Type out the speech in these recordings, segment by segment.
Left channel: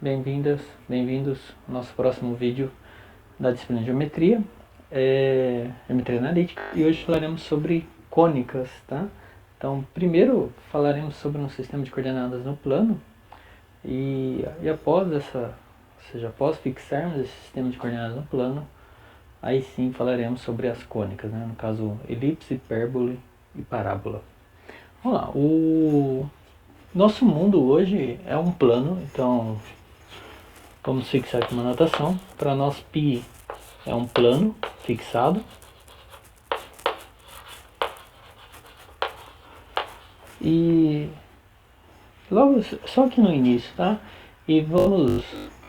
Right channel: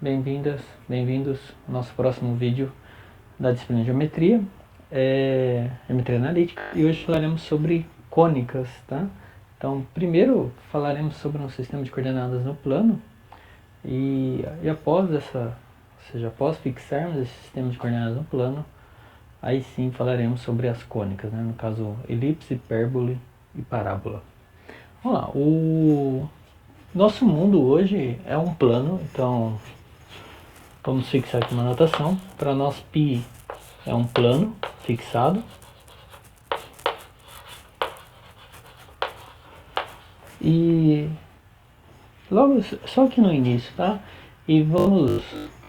bem-vindas, bem-vindos ao nosso próximo vídeo da disciplina de Geometria, Geometria Analítica, e hoje falaremos sobre cônicas, tá? Então, primeiro falaremos sobre um sistema de coordenadas no plano, e após após fixarmos esse sistema de coordenadas no plano, aí sim falaremos sobre as cônicas, né? No caso, elipse, hipérbole e parábola. Vamos lá, o nosso mundo hoje é um plano, então vamos fixar aqui uma anotação. Para nós, π é um plano fixado. E logo, só aqui no início, tá? E vamos,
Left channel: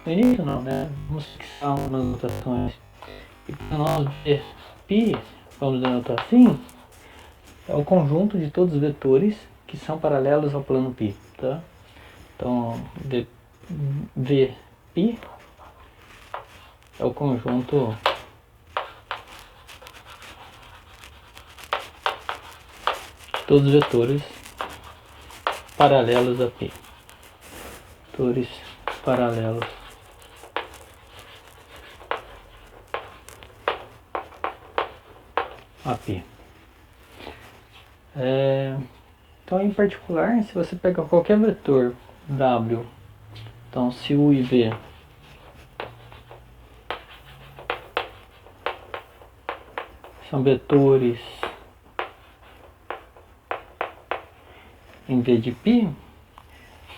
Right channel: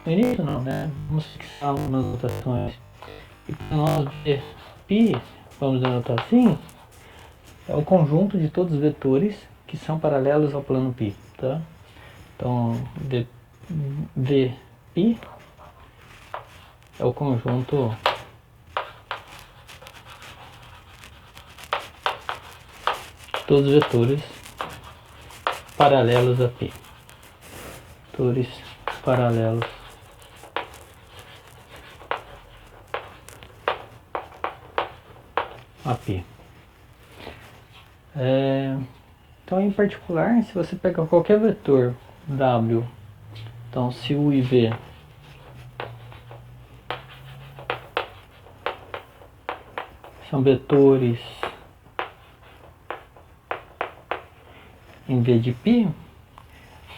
no início não, né? Vamos fixar umas anotações. E para nós ver π, vamos anotar assim, é o conjunto de todos os vetores que são paralelos ao plano π, tá? Então, Vπ é o conjunto de todos os vetores paralelos a π. Vetores paralelos a π. Então, em particular, se você pega qualquer vetor W, então se U e V são vetores em V de π,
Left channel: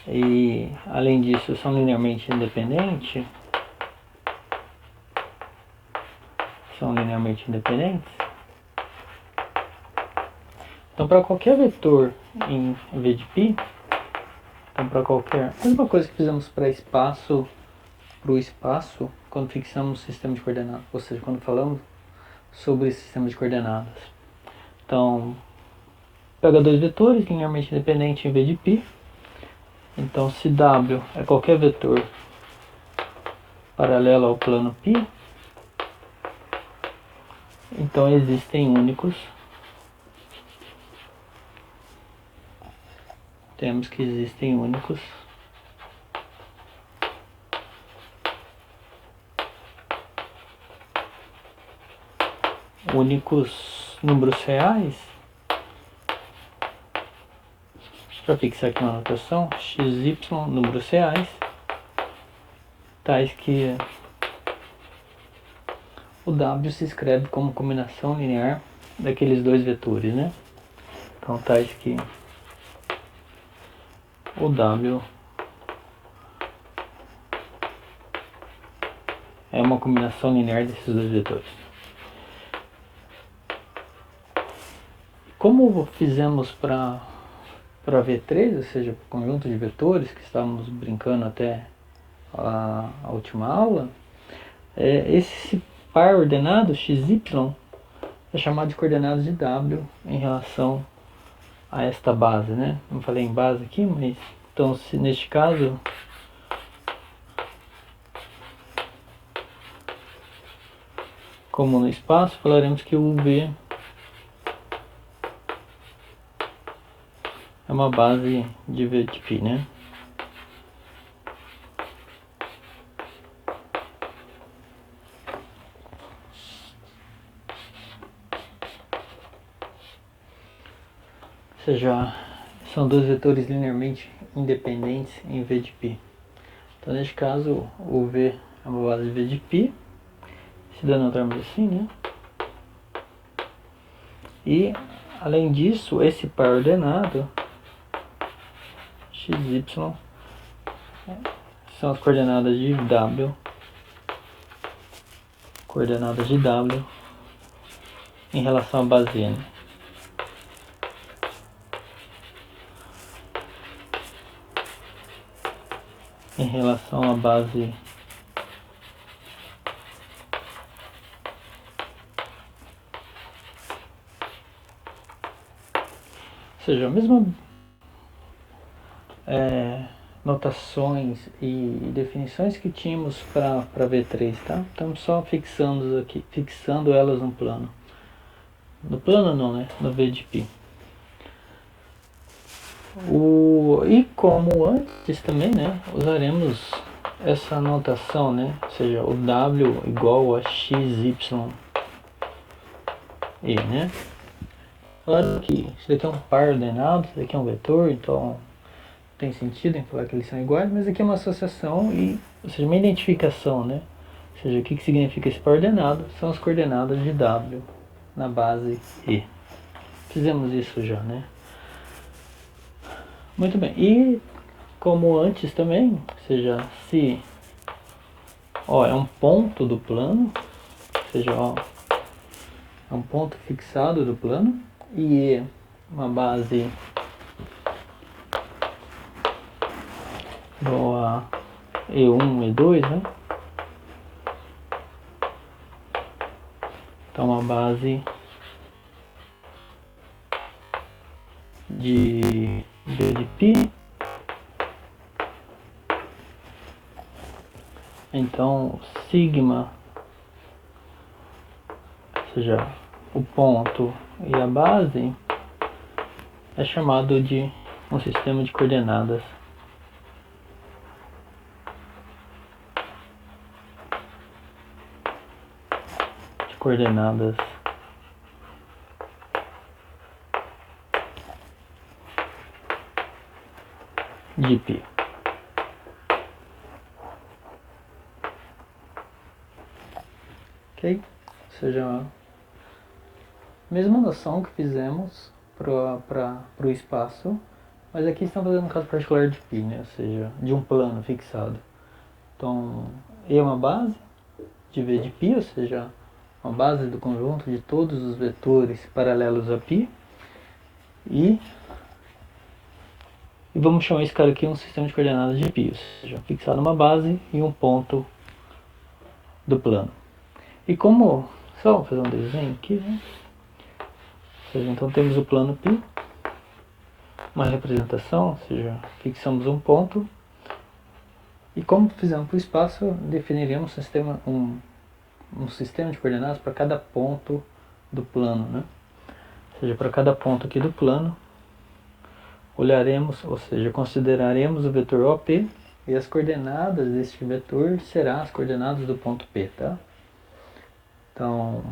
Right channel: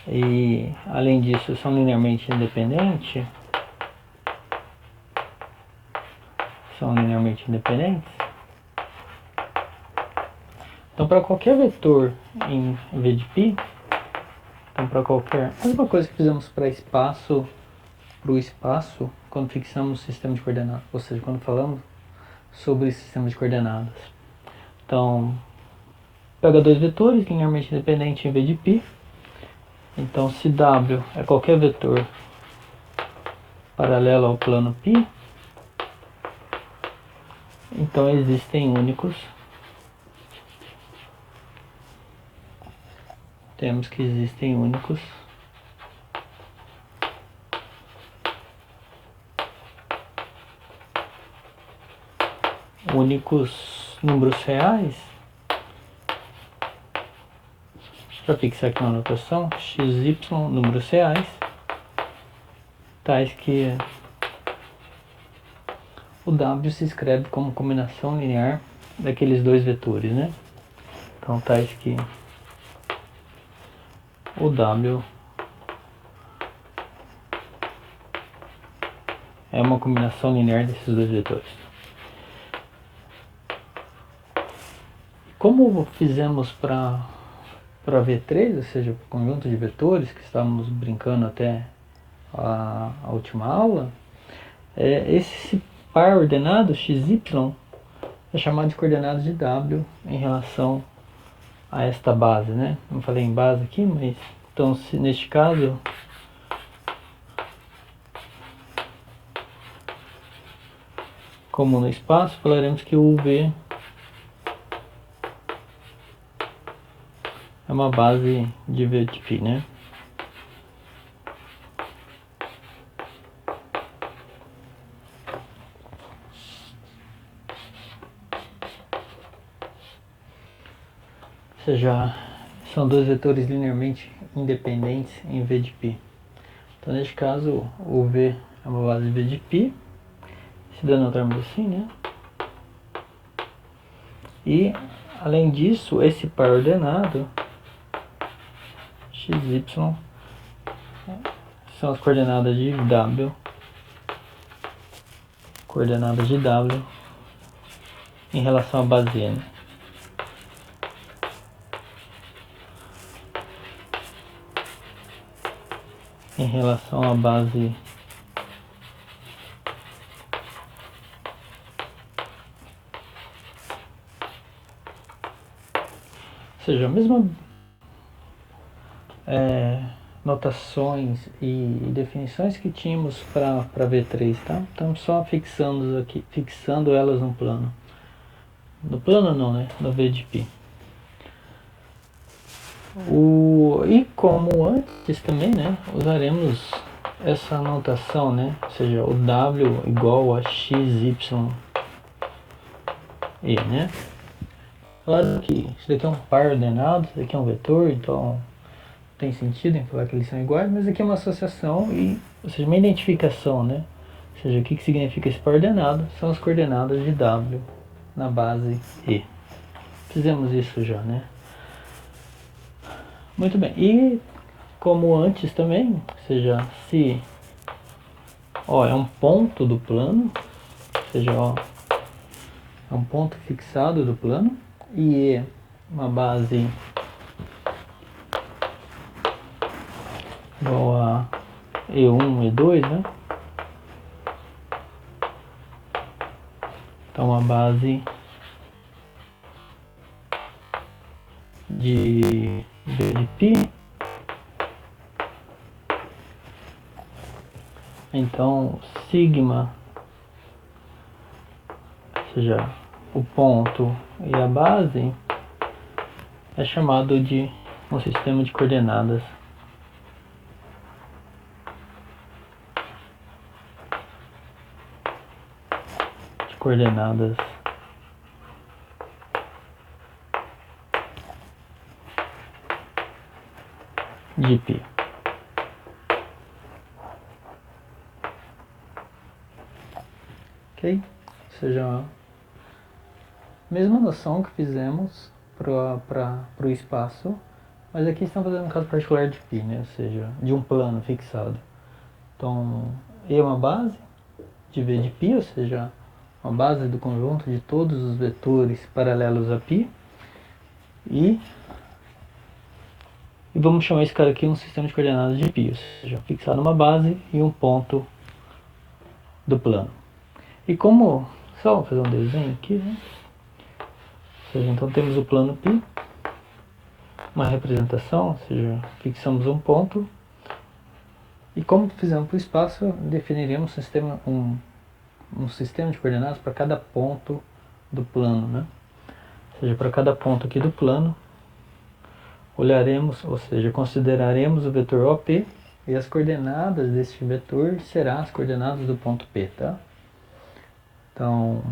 e além disso são linearmente independentes, então para qualquer vetor em V de π, então para qualquer, mesma coisa que fizemos para espaço, quando fixamos o sistema de coordenadas, ou seja, quando falamos sobre sistema de coordenadas. Então, pega dois vetores linearmente independentes em V de π. Então, se W é qualquer vetor paralelo ao plano π, então existem únicos. Temos que existem únicos números reais. Para fixar aqui uma anotação, x, y, números reais, tais que o W se escreve como combinação linear daqueles dois vetores, né? Então, tais que o W é uma combinação linear desses dois vetores. Como fizemos para V3, ou seja, o conjunto de vetores que estávamos brincando até a última aula, esse par ordenado xy é chamado de coordenadas de W em relação a esta base, né? Não falei em base aqui, mas então se neste caso como no espaço, falaremos que o UV é uma base de V de π, né? Ou seja, são dois vetores linearmente independentes em V de π. Então, neste caso, o V é uma base de V de π, se denotarmos assim, né? E, além disso, esse par ordenado, xy, são as coordenadas de W, em relação à base N. Em relação à base ou seja, a mesma notações e definições que tínhamos para V3, tá? Estamos só fixando elas no plano. No plano não, né? No V de π. E como antes também, né? Usaremos essa notação, né? Ou seja, o W igual a x, y, e, né? Claro que isso daqui é um par ordenado, isso daqui é um vetor, então tem sentido em falar que eles são iguais, mas aqui é uma associação, ou seja, uma identificação, né? Ou seja, o que significa esse par ordenado? São as coordenadas de W na base E. Fizemos isso já, né? Muito bem. E como antes também, ou seja, se ó, é um ponto do plano, ou seja, ó, é um ponto fixado do plano, e E uma base igual a E1, E2, né? Então uma base de π. Então sigma, ou seja, o ponto e a base, é chamado de um sistema de coordenadas de π. Ok? Ou seja, a mesma noção que fizemos para o espaço, mas aqui estamos fazendo um caso particular de π, né? Ou seja, de um plano fixado. Então, E é uma base de V de π, ou seja, uma base do conjunto de todos os vetores paralelos a π. E vamos chamar esse cara aqui um sistema de coordenadas de π, ou seja, fixado uma base e um ponto do plano. E como, só vou fazer um desenho aqui, né? Ou seja, então temos o plano π, uma representação, ou seja, fixamos um ponto. E como fizemos para o espaço, definiríamos um sistema de coordenadas para cada ponto do plano, né? Ou seja, para cada ponto aqui do plano, olharemos, ou seja, consideraremos o vetor OP e as coordenadas deste vetor serão as coordenadas do ponto P, tá? Então,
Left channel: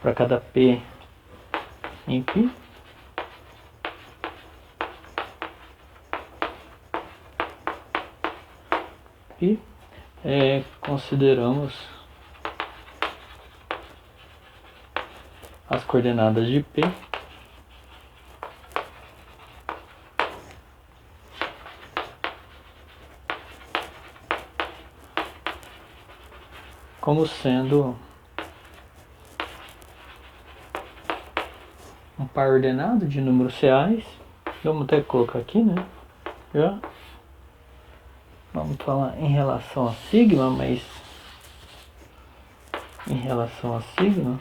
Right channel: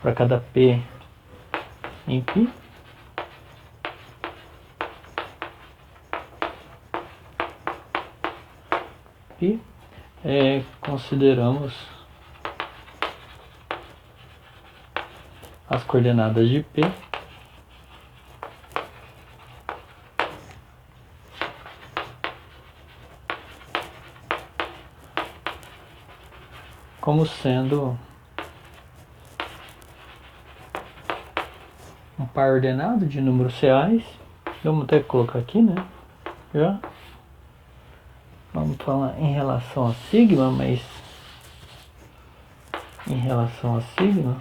para cada P em π, consideramos as coordenadas de P como sendo um par ordenado de números reais. Vamos até colocar aqui, né? Já. Vamos falar em relação a sigma, mas em relação a sigma,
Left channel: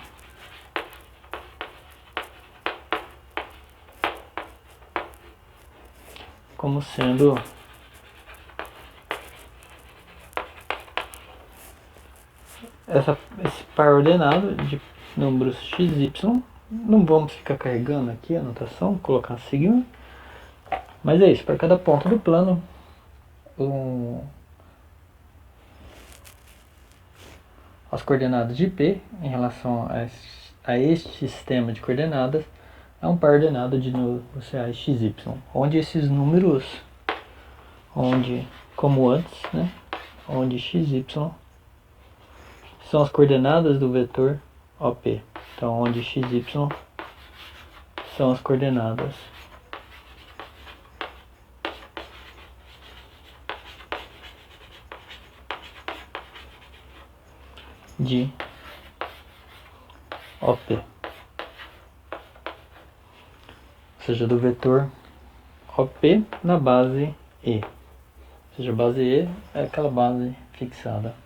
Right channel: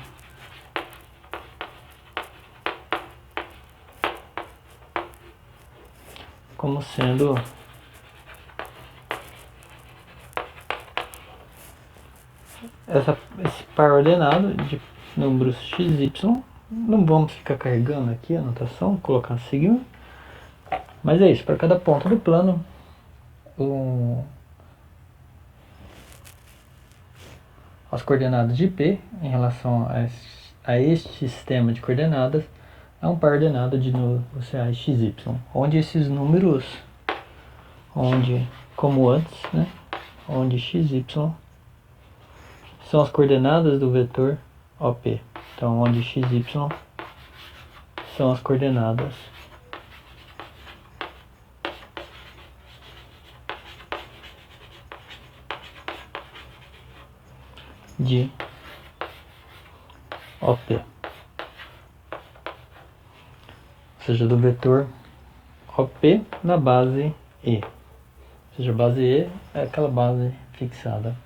como sendo esse par ordenado de números x, y. Não vamos ficar carregando aqui a anotação, colocar sigma, mas é isso, para cada ponto do plano, as coordenadas de P em relação a este sistema de coordenadas é um par ordenado de números reais x, y, onde esses números, como antes, né, onde x, y são as coordenadas do vetor OP. Então, onde x, y são as coordenadas de OP, ou seja, do vetor OP na base E. Ou seja, a base E é aquela base fixada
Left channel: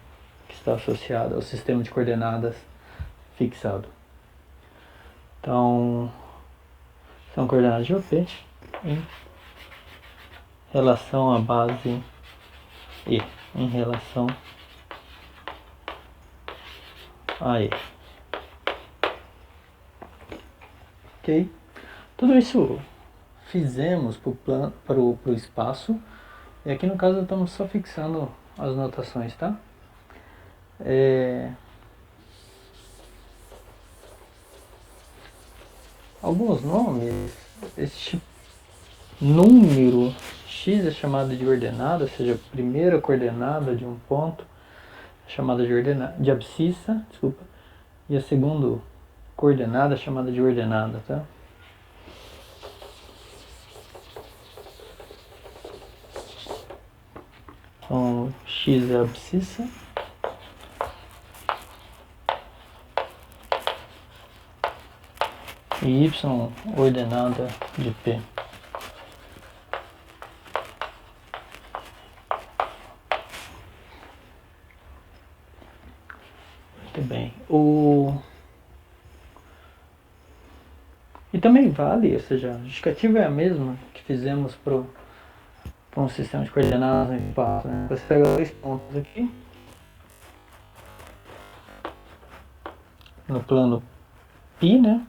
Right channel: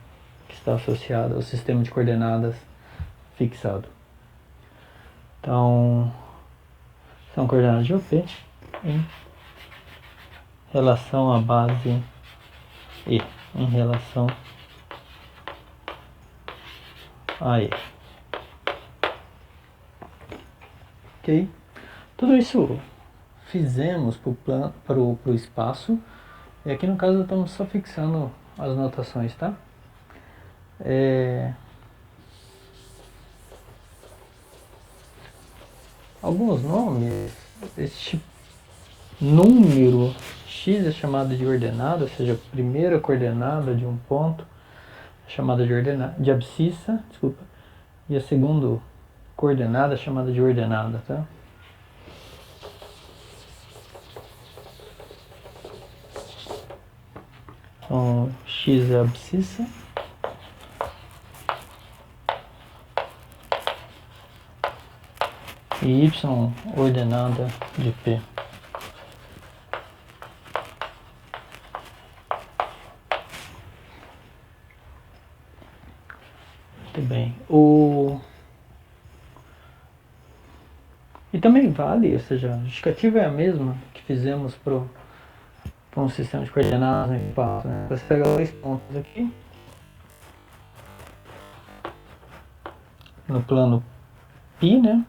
que está associada ao sistema de coordenadas fixado. Então, são coordenadas de OP em relação à base E, em relação a E. Ok? Tudo isso fizemos para o espaço, e aqui no caso estamos só fixando as notações, tá? Alguns nomes, este número x é chamado de ordenada, ou seja, a primeira coordenada de um ponto é chamada de abscissa, desculpa, e a segunda coordenada é chamada de ordenada, tá? Então, x é a abscissa. E y ordenada de P. Muito bem. E também vale, ou seja, a justificativa é a mesma que fizemos para um sistema de coordenadas no espaço. Né? Você pega dois pontos aqui, no plano π, né?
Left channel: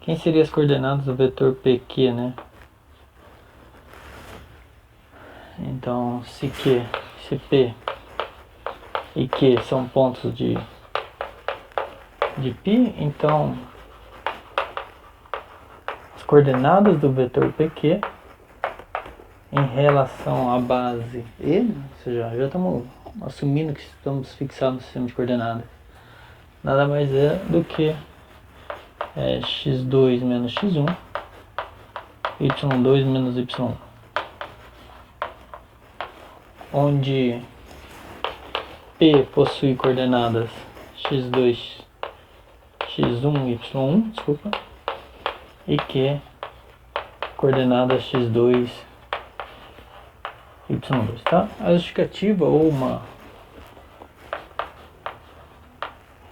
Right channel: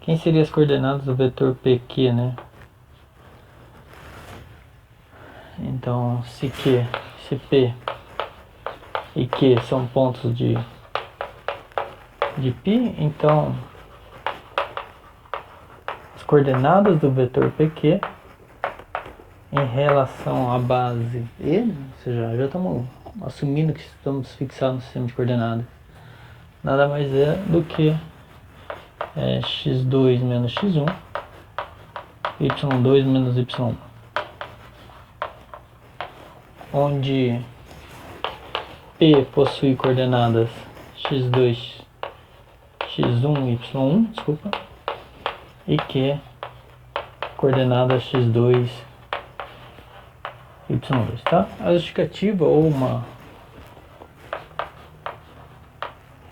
Quem seriam as coordenadas do vetor PQ, né? Então, se P e Q são pontos de π, então as coordenadas do vetor PQ em relação à base E, ou seja, já estamos assumindo que estamos fixados no sistema de coordenadas, nada mais é do que x2 menos x1, y2 menos y1, onde P possui coordenadas x2, x1, y1, desculpa, e Q coordenadas x2, y2, tá? A justificativa ou uma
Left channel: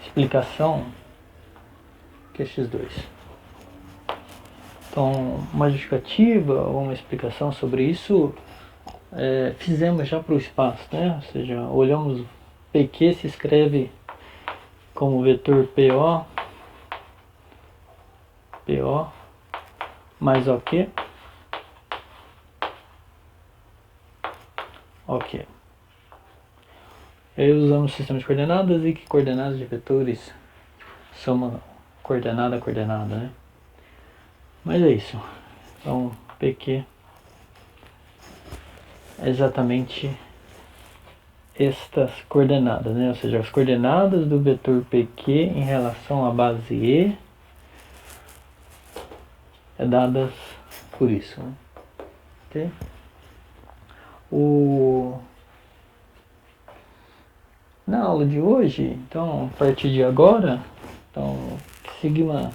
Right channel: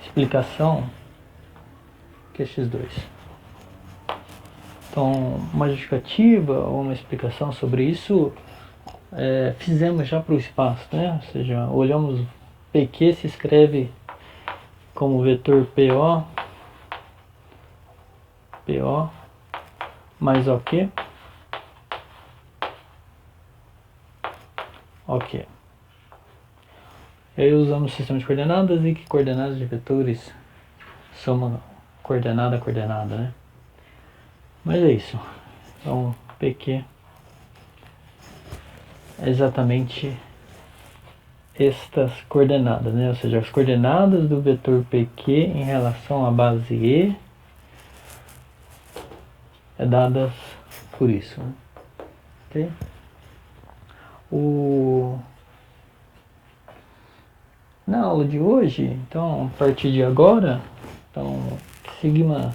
explicação que é x2. Então, uma justificativa ou uma explicação sobre isso fizemos já para o espaço, né? Ou seja, olhamos PQ se escreve como vetor PO mais OK. OK. E aí usamos o sistema de coordenadas e que coordenadas de vetores são uma coordenada, né? Mas é isso. Então, PQ é exatamente estas coordenadas, né? Ou seja, as coordenadas do vetor PQ em relação à base E é dadas por isso, né? Ok? Na aula de hoje, então, a partir de agora, então, sigma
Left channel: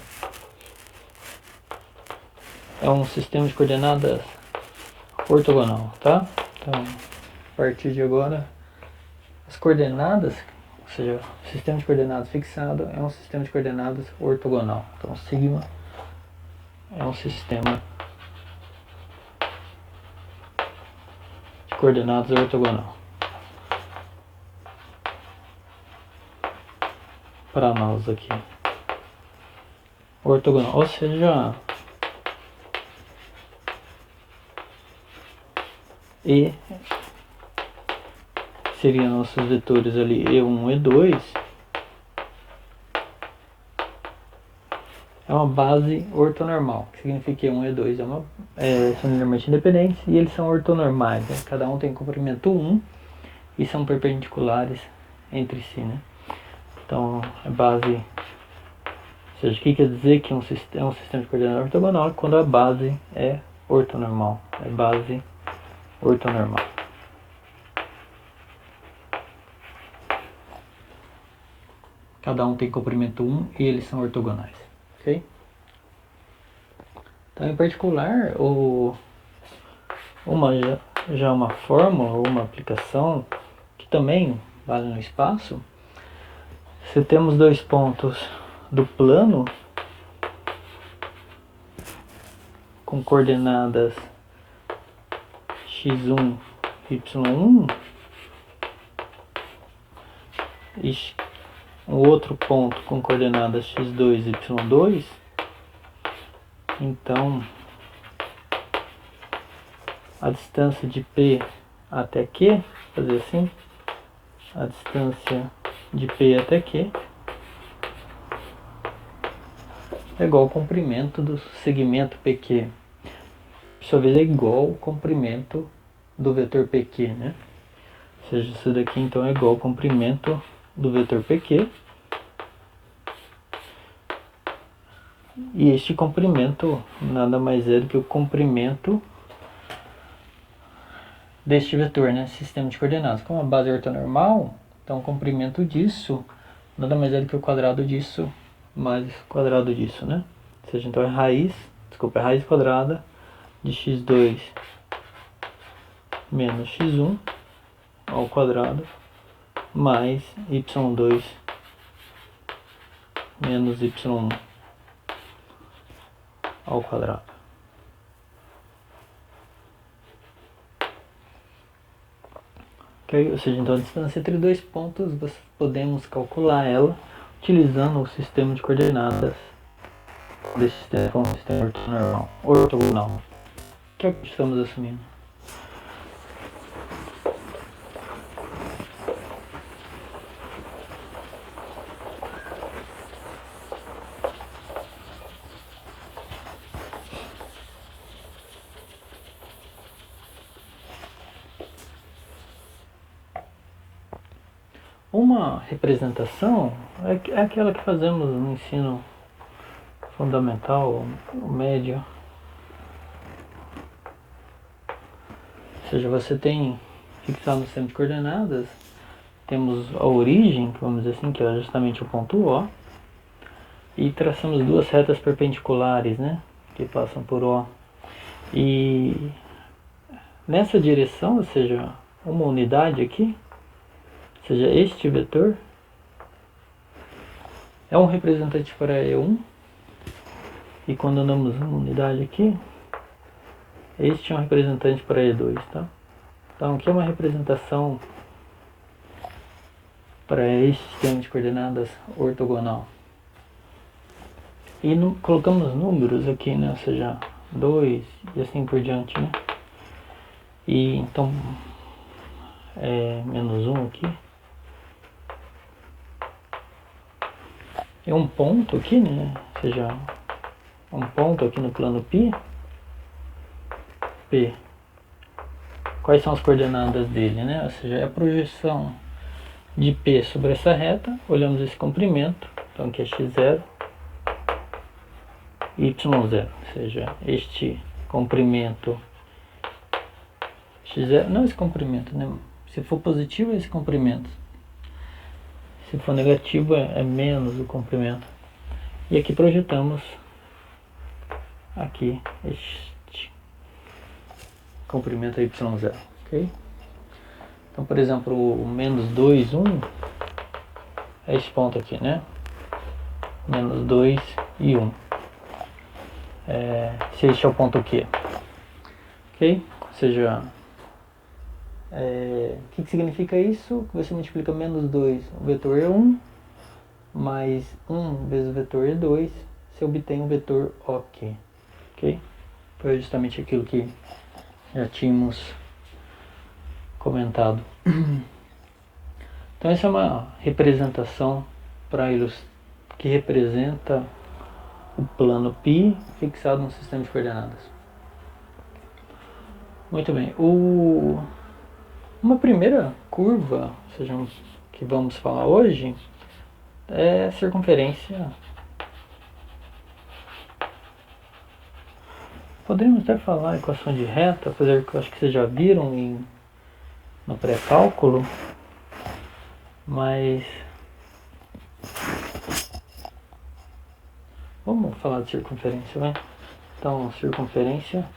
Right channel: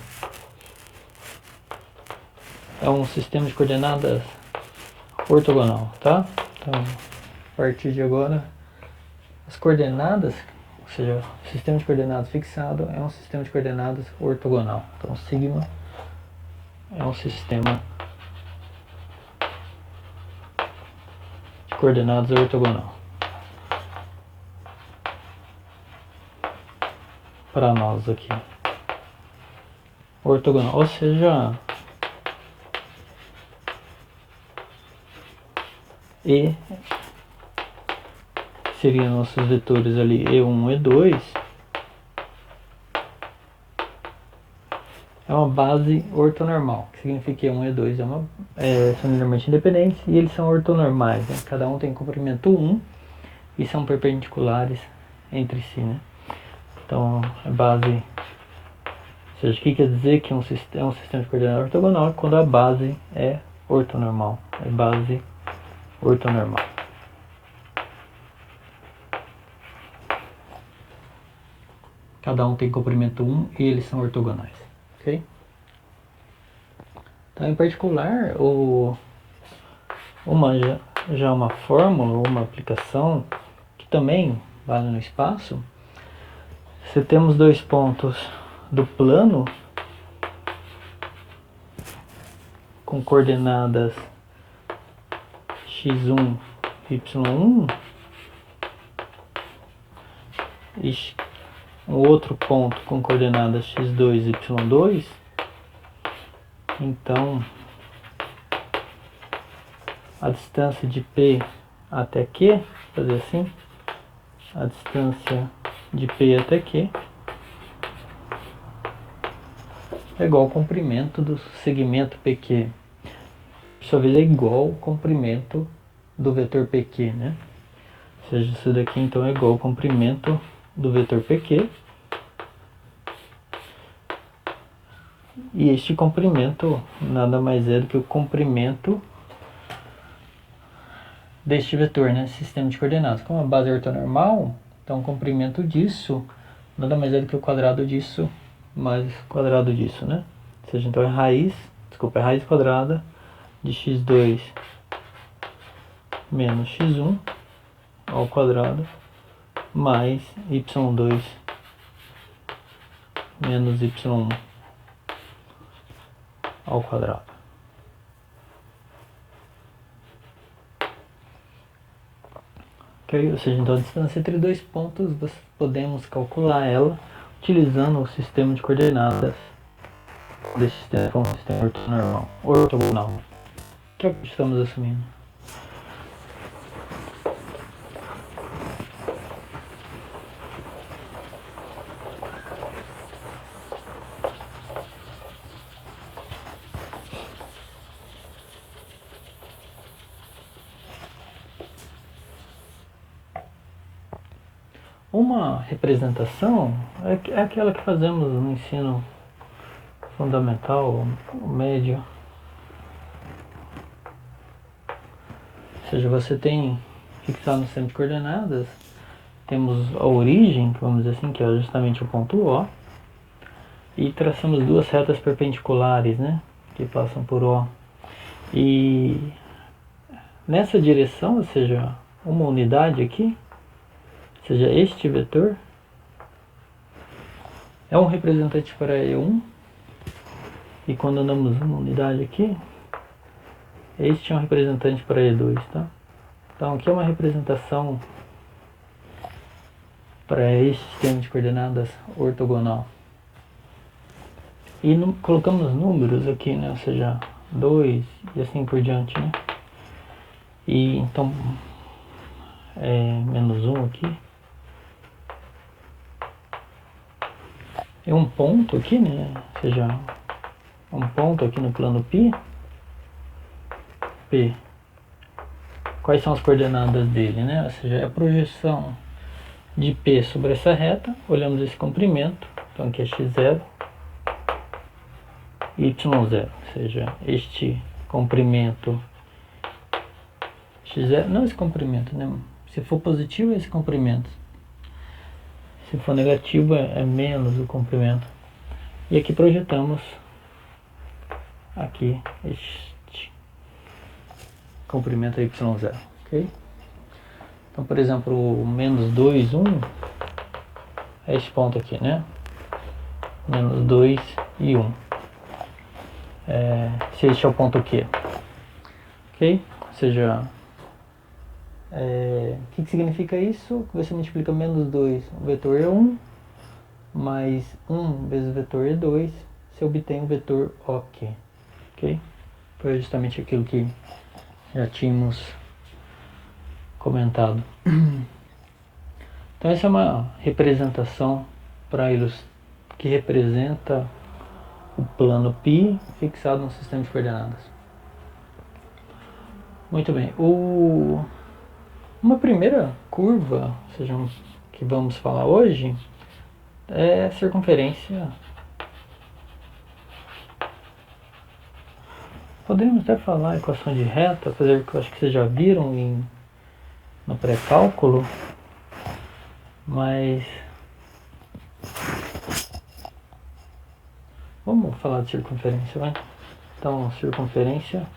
é um sistema de coordenadas ortogonal, tá? Então, a partir de agora, as coordenadas, ou seja, o sistema de coordenadas fixado é um sistema de coordenadas ortogonal. Então, sigma é um sistema de coordenadas ortogonal. Para nós aqui. Ortogonal, ou seja, E seriam nossos vetores ali E1, E2, é uma base ortonormal, que significa que E1 e E2 são linearmente independentes e eles são ortonormais, né? Cada um tem comprimento 1 e são perpendiculares entre si, né? Então, a base, ou seja, o que quer dizer que é um sistema de coordenadas ortogonal? Quando a base é ortonormal, é base ortonormal. Cada um tem comprimento 1 e eles são ortogonais, ok? Então, em particular, uma fórmula ou uma aplicação que também vale no espaço, se temos dois pontos do plano com coordenadas x1, y1 e um outro ponto com coordenadas x2, y2, então a distância de P até Q, fazer assim, a distância de P até Q é igual ao comprimento do segmento PQ. Por sua vez é igual ao comprimento do vetor PQ, né? Ou seja, isso daqui então é igual ao comprimento do vetor PQ. E este comprimento nada mais é do que o comprimento deste vetor, né? Sistema de coordenadas. Como a base é ortonormal, então o comprimento disso nada mais é do que o quadrado disso mais o quadrado disso, né? Ou seja, então é raiz quadrada de x2 menos x1 ao quadrado mais y2 menos y1 ao quadrado. Ok? Ou seja, então a distância entre dois pontos podemos calcular ela utilizando o sistema de coordenadas desse sistema, um sistema ortogonal, que é o que estamos assumindo. Uma representação é aquela que fazemos no ensino fundamental, médio. Ou seja, você tem fixado no sistema de coordenadas, temos a origem, vamos dizer assim, que é justamente o ponto O, e traçamos duas retas perpendiculares, né, que passam por O. E nessa direção, ou seja, uma unidade aqui, ou seja, este vetor é um representante para E1, e quando andamos uma unidade aqui, este é um representante para E2, tá? Então aqui é uma representação para este sistema de coordenadas ortogonal. E colocamos números aqui, né? Ou seja, 2 e assim por diante, né? E então menos 1 aqui. É um ponto aqui, né? Ou seja, um ponto aqui no plano P. Quais são as coordenadas dele, né? Ou seja, é a projeção de P sobre essa reta. Olhamos esse comprimento. Então aqui é x0 e y0. Ou seja, este comprimento x0, não esse comprimento, né? Se for positivo é esse comprimento. Se for negativo é menos o comprimento. E aqui projetamos aqui este comprimento y0, ok? Então, por exemplo, o menos 2, 1 é este ponto aqui, né? Menos 2 e 1. Se este é o ponto Q, ok? Ou seja, o que significa isso? Que você multiplica menos 2, o vetor E1, mais 1 vezes o vetor E2, você obtém o vetor OK. Ok? Foi justamente aquilo que já tínhamos comentado. Então essa é uma representação que representa o plano π fixado no sistema de coordenadas. Muito bem. Uma primeira curva, ou seja, que vamos falar hoje, é a circunferência. Podemos até falar equação de reta, apesar que eu acho que vocês já viram no pré-cálculo, mas vamos falar de circunferência, vai? Então, circunferência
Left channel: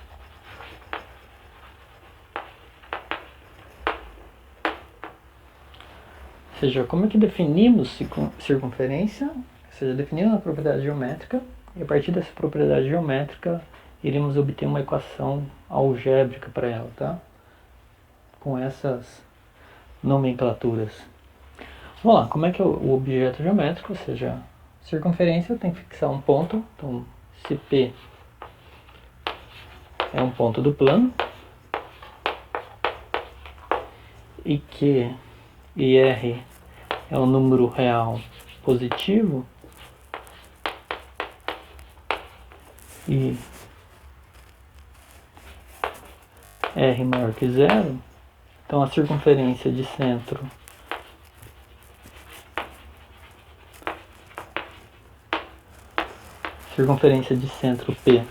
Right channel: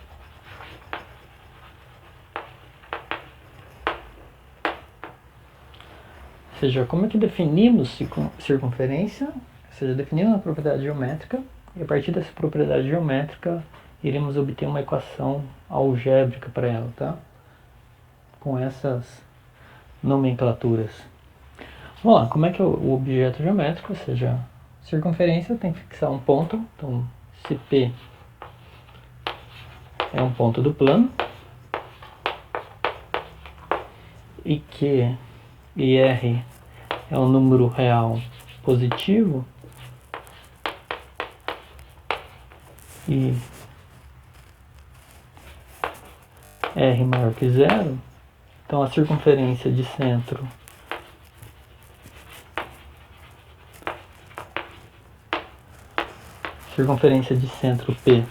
ou seja, como é que definimos circunferência? Ou seja, definimos uma propriedade geométrica e a partir dessa propriedade geométrica iremos obter uma equação algébrica para ela, tá? Com essas nomenclaturas. Vamos lá, como é que é o objeto geométrico? Ou seja, circunferência tem que fixar um ponto, então se P é um ponto do plano e Q e R é um número real positivo, e R maior que zero, então a circunferência de centro P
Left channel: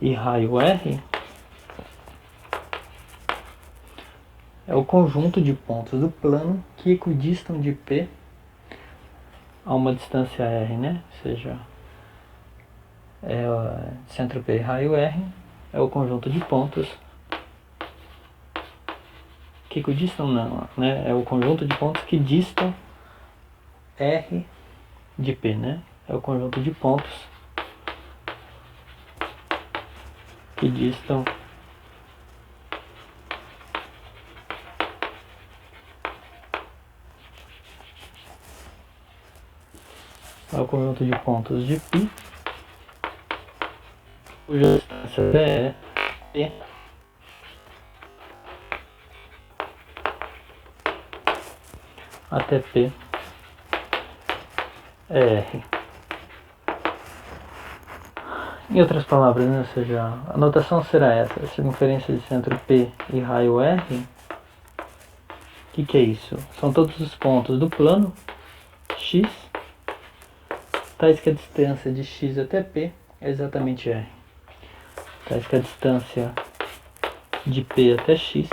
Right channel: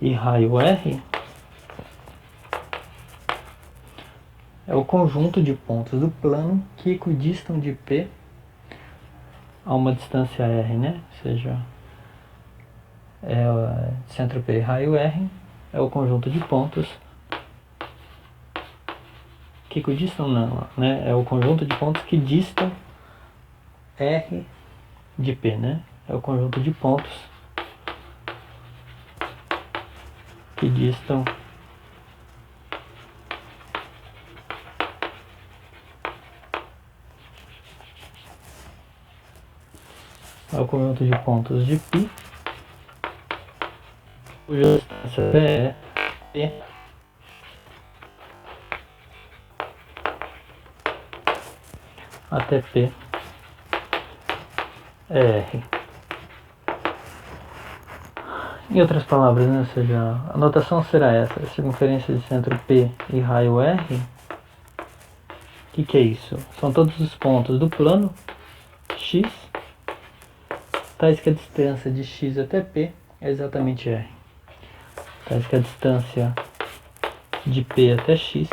e raio R é o conjunto de pontos do plano que equidistam de P a uma distância R, né? Ou seja, centro P e raio R é o conjunto de pontos que equidistam, não, né? É o conjunto de pontos que distam R de P, né? É o conjunto de pontos que distam é o conjunto de pontos de π, cuja distância é P até P é R. Em outras palavras, né? Ou seja, a notação será essa: a circunferência de centro P e raio R. O que é isso? São todos os pontos do plano X, tais que a distância de X até P é exatamente R. Tais que a distância de P até X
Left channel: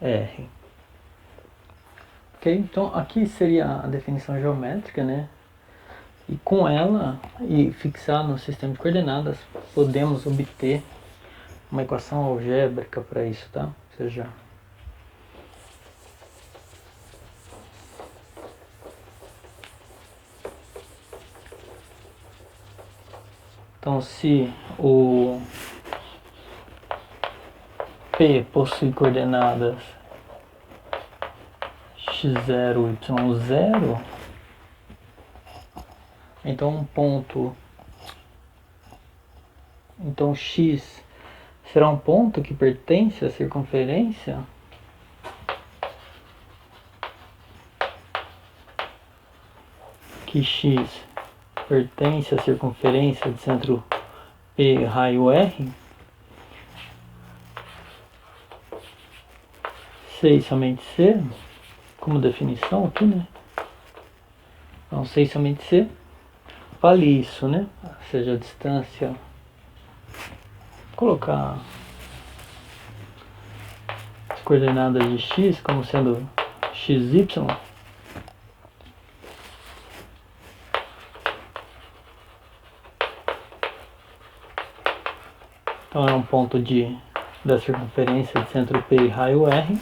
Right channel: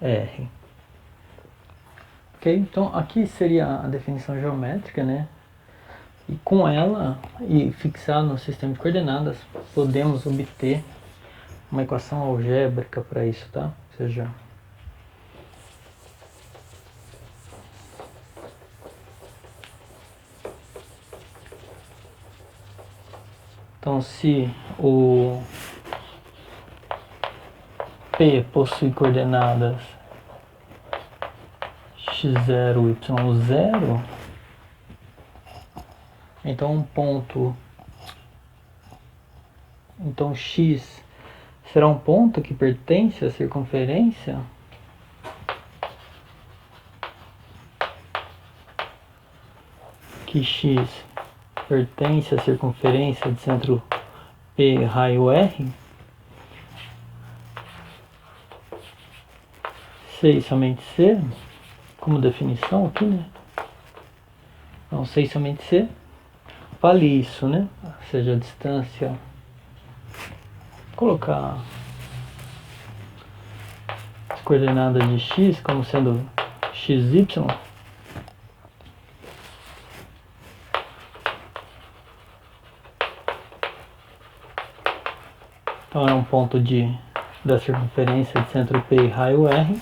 é R. Ok? Então aqui seria a definição geométrica, né? E com ela, e fixar no sistema de coordenadas, podemos obter uma equação algébrica para isso, tá? Ou seja, então se o P possui coordenadas x0, y0, então então x será um ponto que pertence à circunferência x pertence à circunferência de centro P raio R, C e somente C, como definição aqui, né? Então, C e somente C vale isso, né? Ou seja, a distância, colocar as coordenadas de x como sendo xy, então é um ponto da circunferência de centro P e raio R.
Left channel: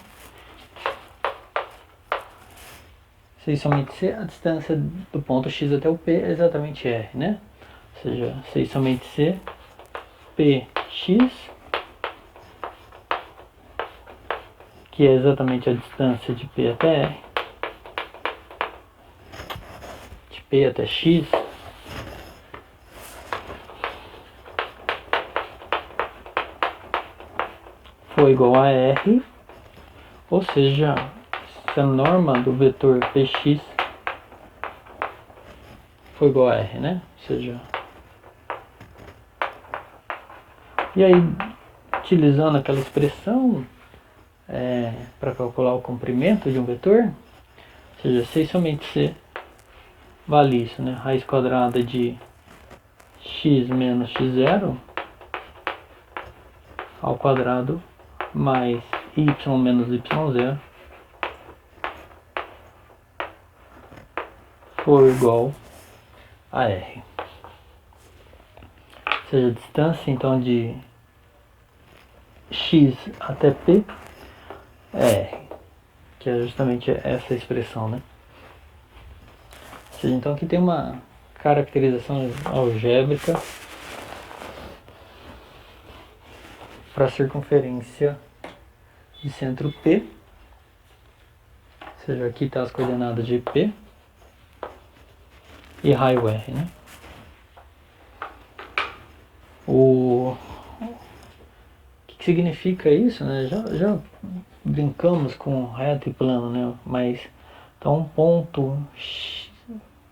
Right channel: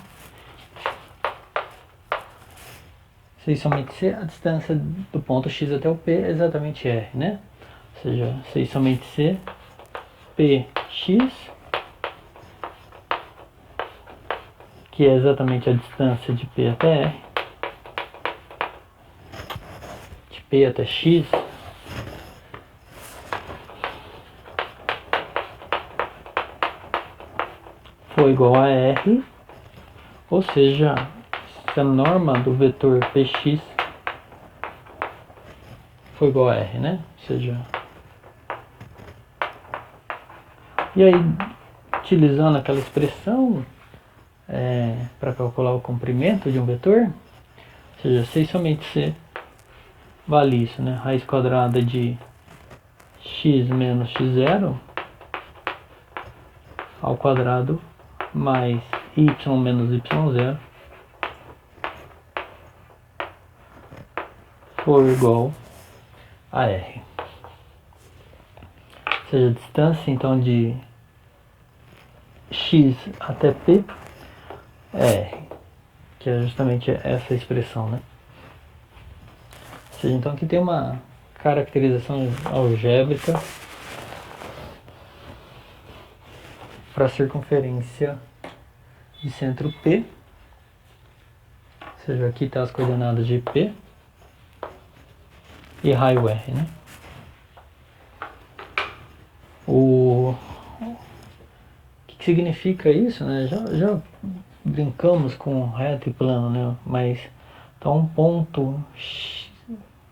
Se somente C, a distância do ponto X até o P é exatamente R, né? Ou seja, se somente C, PX, que é exatamente a distância de P até R, de P até X, for igual a R, ou seja, se a norma do vetor Px for igual a R, né? Ou seja, e aí, utilizando aquela expressão para calcular o comprimento de um vetor, ou seja, C somente C vale isso, né? Raiz quadrada de x menos x0 ao quadrado mais y menos y0 for igual a R. Ou seja, a distância então de x até P é R, que é justamente essa expressão, né? Ou seja, então aqui tem uma caracterização algébrica para a circunferência de centro P, ou seja, aqui está as coordenadas de P e raio R, né? O que significa isso, né? Já brincamos com reto e plano, né? Mas então um ponto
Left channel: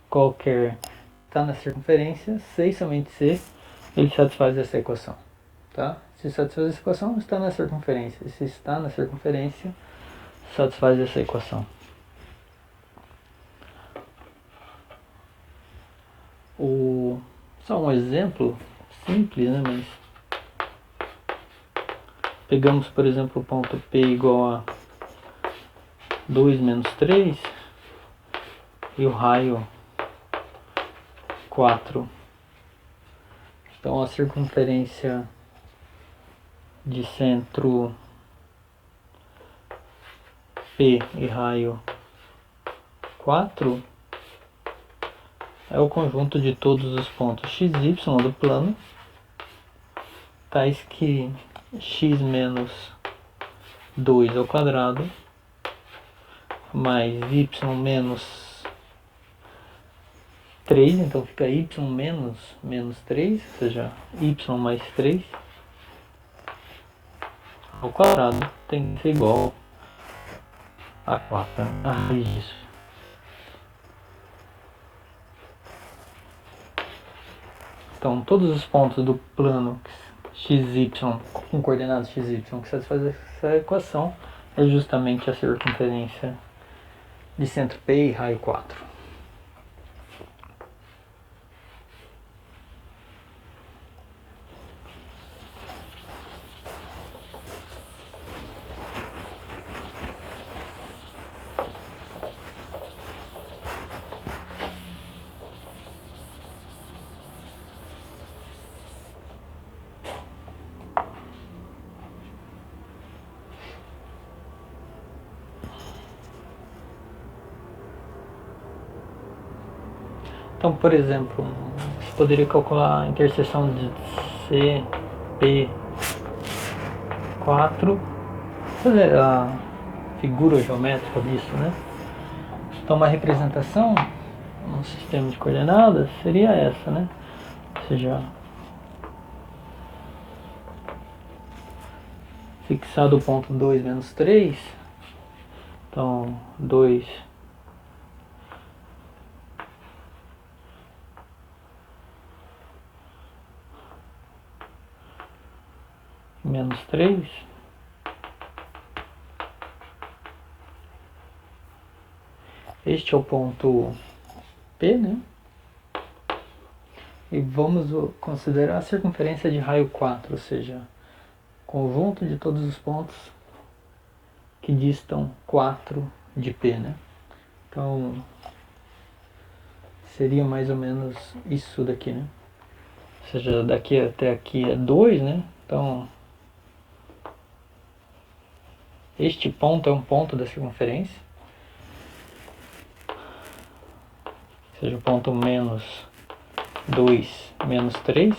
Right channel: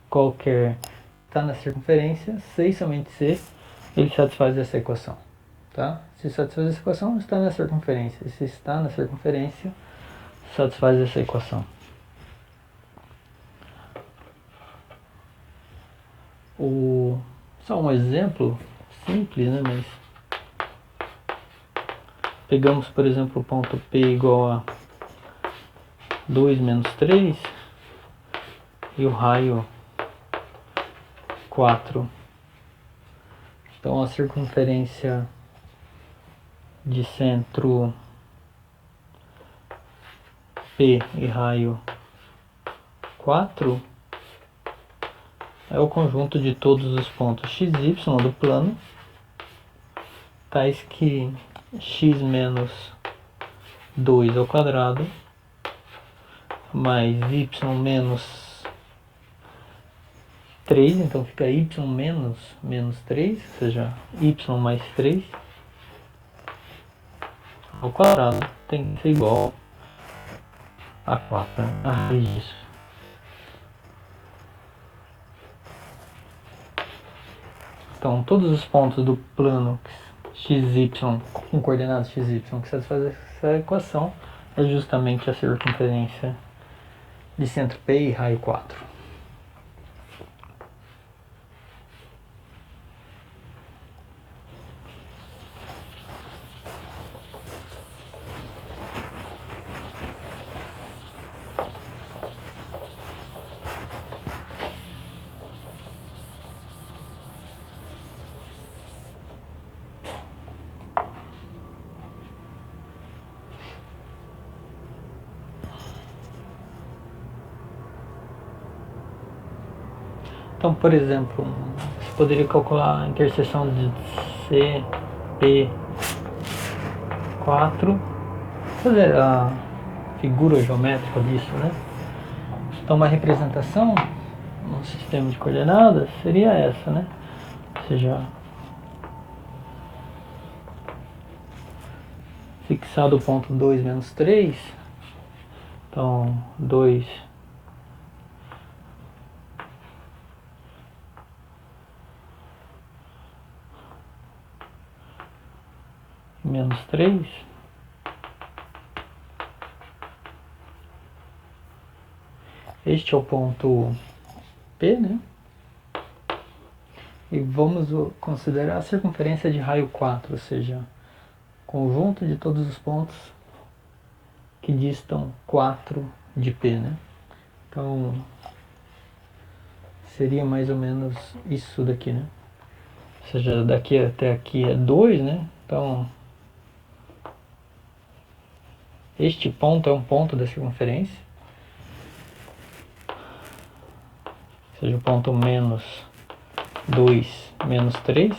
qualquer está na circunferência, C e somente C, ele satisfaz essa equação, tá? Se satisfaz essa equação, está na circunferência. E se está na circunferência, satisfaz essa equação. Só um exemplo simples, né? Mas pegamos, por exemplo, o ponto P igual a 2 menos 3 e o raio 4. Então a circunferência de centro P e raio 4 é o conjunto de todos os pontos x, y do plano, tais que x menos 2 ao quadrado mais y menos 3, então fica y menos 3, ou seja, y mais 3 ao quadrado tem que ser igual a 4, né? A raiz disso. Então, todos os pontos do plano XY, com coordenadas XY, que satisfaz essa equação, é justamente a circunferência de centro P e raio 4. Então, por exemplo, você poderia calcular a interseção de C, P, 4, fazer a figura geométrica disso, né? Então, uma representação no sistema de coordenadas seria essa, né? Ou seja, fixado o ponto 2 menos 3, então 2 menos 3, este é o ponto P, né? E vamos considerar a circunferência de raio 4, ou seja, conjunto de todos os pontos que distam 4 de P, né? Então, seria mais ou menos isso daqui, né? Ou seja, daqui até aqui é 2, né? Então, este ponto é um ponto da circunferência. Ou seja, o ponto menos 2 menos 3.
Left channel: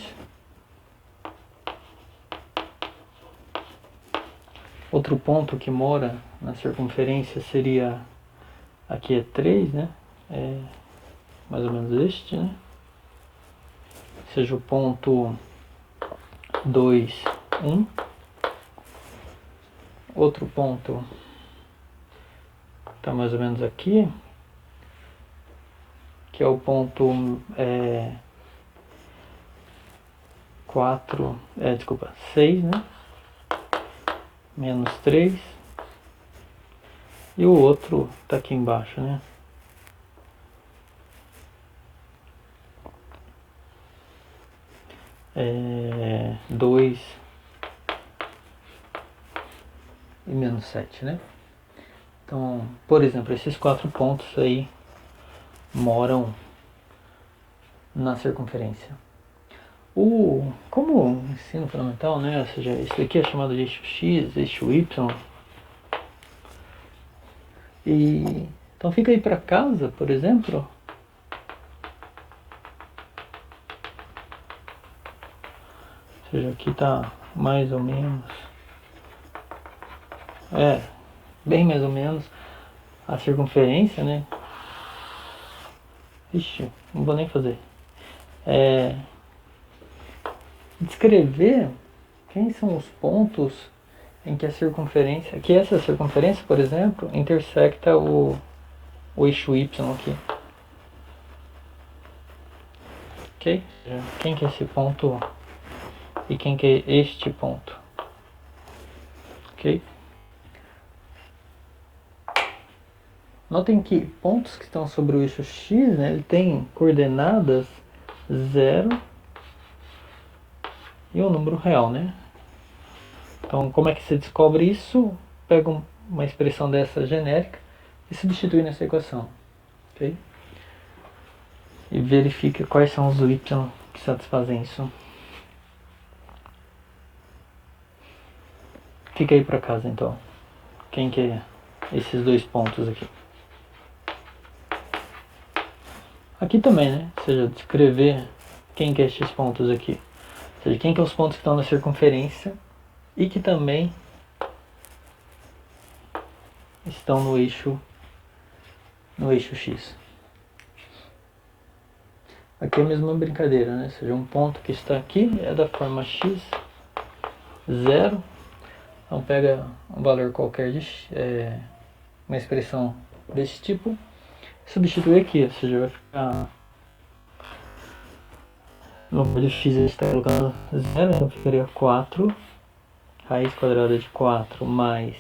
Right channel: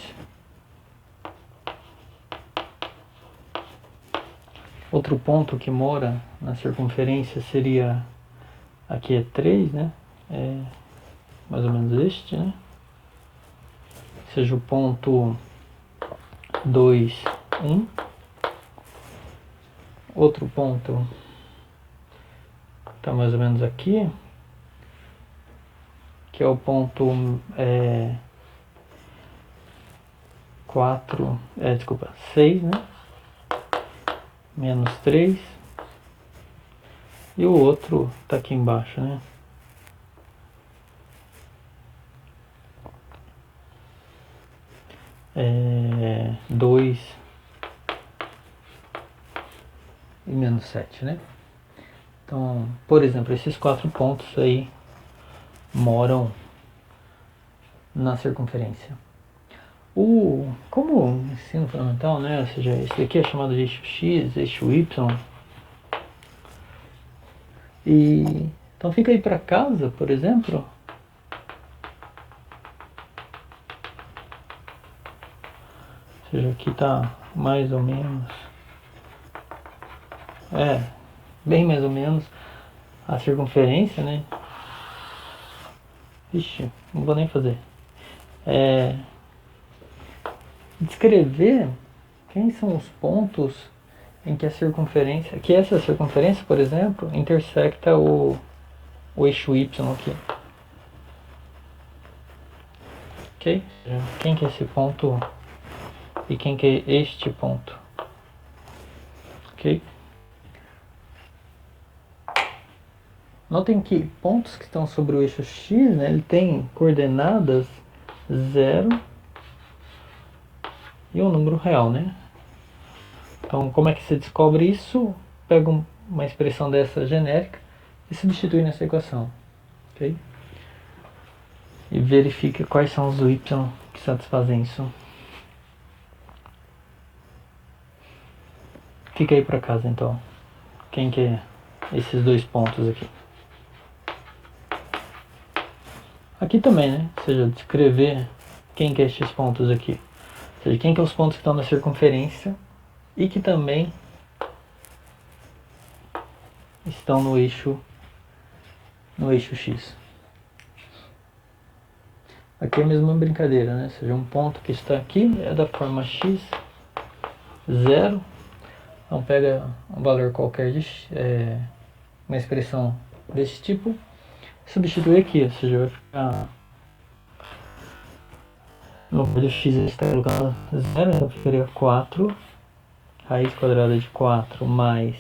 Outro ponto que mora na circunferência seria, aqui é 3, né? É mais ou menos este, né? Ou seja, o ponto 2, 1. Outro ponto está mais ou menos aqui, que é o ponto 6, né? Menos 3. E o outro está aqui embaixo, né? É 2 e menos 7, né? Então, por exemplo, esses 4 pontos aí moram na circunferência. Como ensino fundamental, né? Ou seja, isso daqui é chamado de eixo X, eixo Y. Então fica aí para casa, por exemplo. Ou seja, aqui tá mais ou menos. Bem mais ou menos a circunferência, né? Ixi, não vou nem fazer. descrever quem são os pontos em que a circunferência, que essa circunferência, por exemplo, intersecta o eixo y aqui. Ok? Quem que é esse ponto e quem que é este ponto? Ok? Notem que pontos que estão sobre o eixo x, né, ele tem coordenadas 0 e um número real, né? Então, como é que se descobre isso? Pega uma expressão dessa genérica e substitui nessa equação, ok? E verifica quais são os y que satisfazem isso. Fica aí para casa, então. Quem que é esses dois pontos aqui? Aqui também, né? Ou seja, descrever quem que é estes pontos aqui. Ou seja, quem que é os pontos que estão na circunferência e que também estão no eixo x. Aqui é a mesma brincadeira, né? Ou seja, um ponto que está aqui é da forma x, 0. Então pega um valor qualquer de uma expressão desse tipo, substitui aqui, ou seja, vai ficar no lugar de x está colocando 0, então ficaria 4, raiz quadrada de 4 mais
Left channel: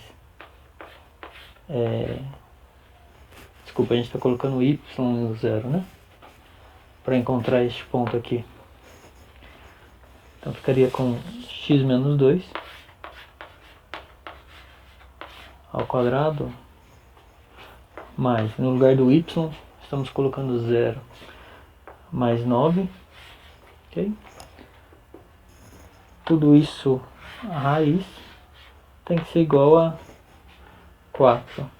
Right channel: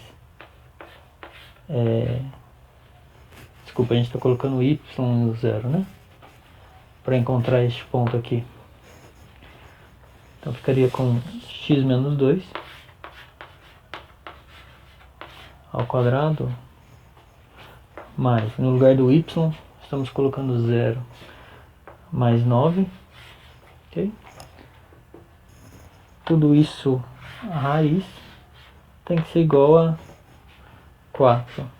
desculpa, a gente está colocando y no 0, né? Para encontrar este ponto aqui. Então ficaria com x menos 2 ao quadrado, mais, no lugar do y, estamos colocando 0 mais 9, ok? Tudo isso, a raiz, tem que ser igual a 4.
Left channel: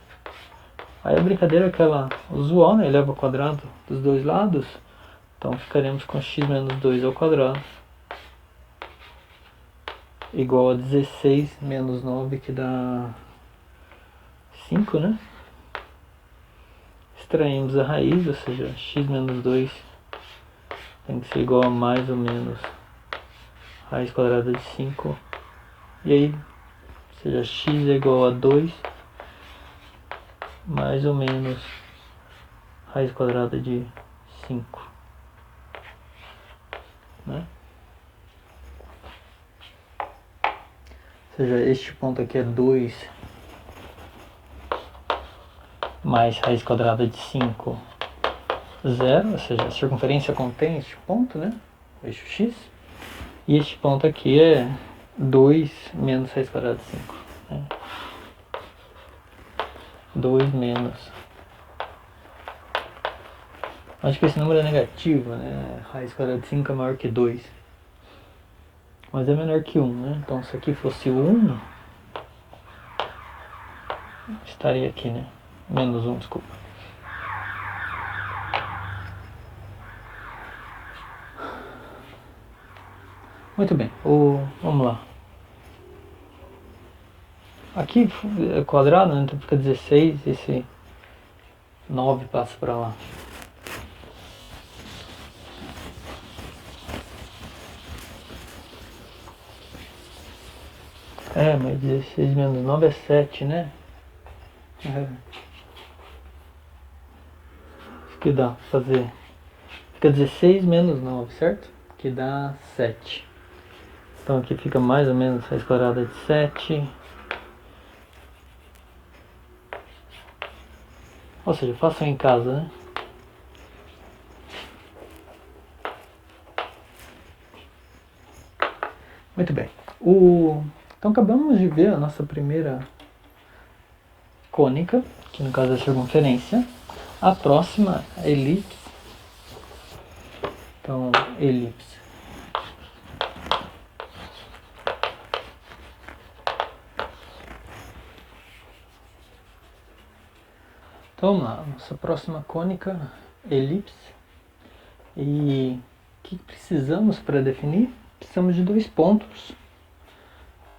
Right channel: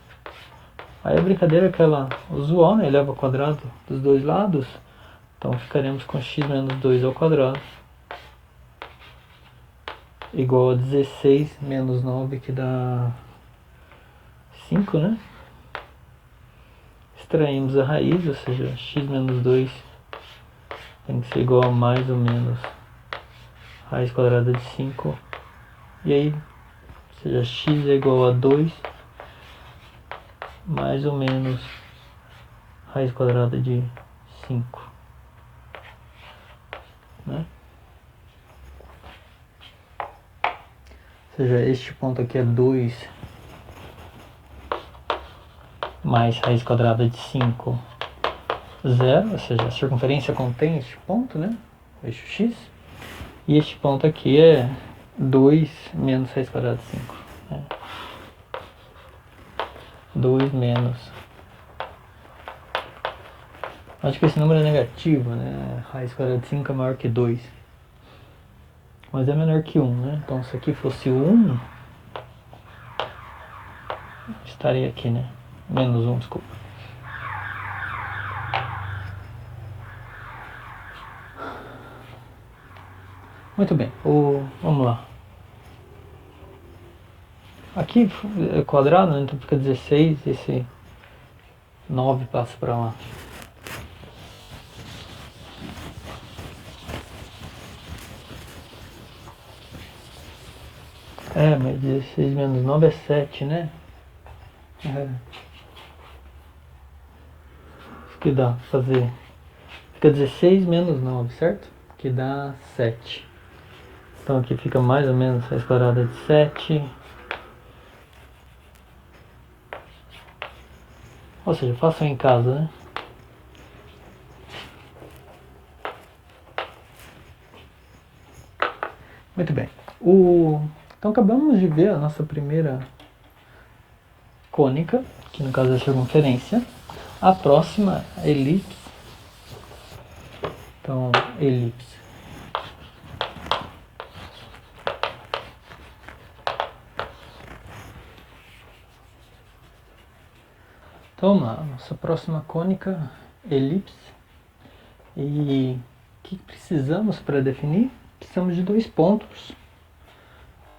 Aí a brincadeira é aquela usual, né? Eleva ao quadrado dos dois lados, então ficaremos com x menos 2 ao quadrado, igual a 16 menos 9, que dá 5, né? Extraímos a raiz, ou seja, x menos 2 tem que ser igual a mais ou menos raiz quadrada de 5. E aí, ou seja, x é igual a 2 mais ou menos raiz quadrada de 5. Né? Ou seja, este ponto aqui é 2 mais raiz quadrada de 5, 0, ou seja, a circunferência contém este ponto, né? O eixo x. E este ponto aqui é 2 menos raiz quadrada de 5. Né? 2 menos. Acho que esse número é negativo, né? Raiz quadrada de 5 é maior que 2. Mas é menor que 1, né? Então se aqui fosse 1, estaria aqui, né? Menos 1, desculpa. Muito bem, vamos lá. Aqui é quadrado, né? Então fica 16, esse 9 passa para lá. Mas 16 menos 9 é 7, né? Isso que dá pra fazer. Fica 16 menos 9, certo? Que dá 7. Então aqui fica mais ou menos raiz quadrada de 7. Ou seja, façam em casa, né? Muito bem. Então acabamos de ver a nossa primeira cônica, que no caso é a circunferência. A próxima é elipse. Então, elipse. Então vamos lá, nossa próxima cônica, elipse. E o que precisamos para definir? Precisamos de dois pontos.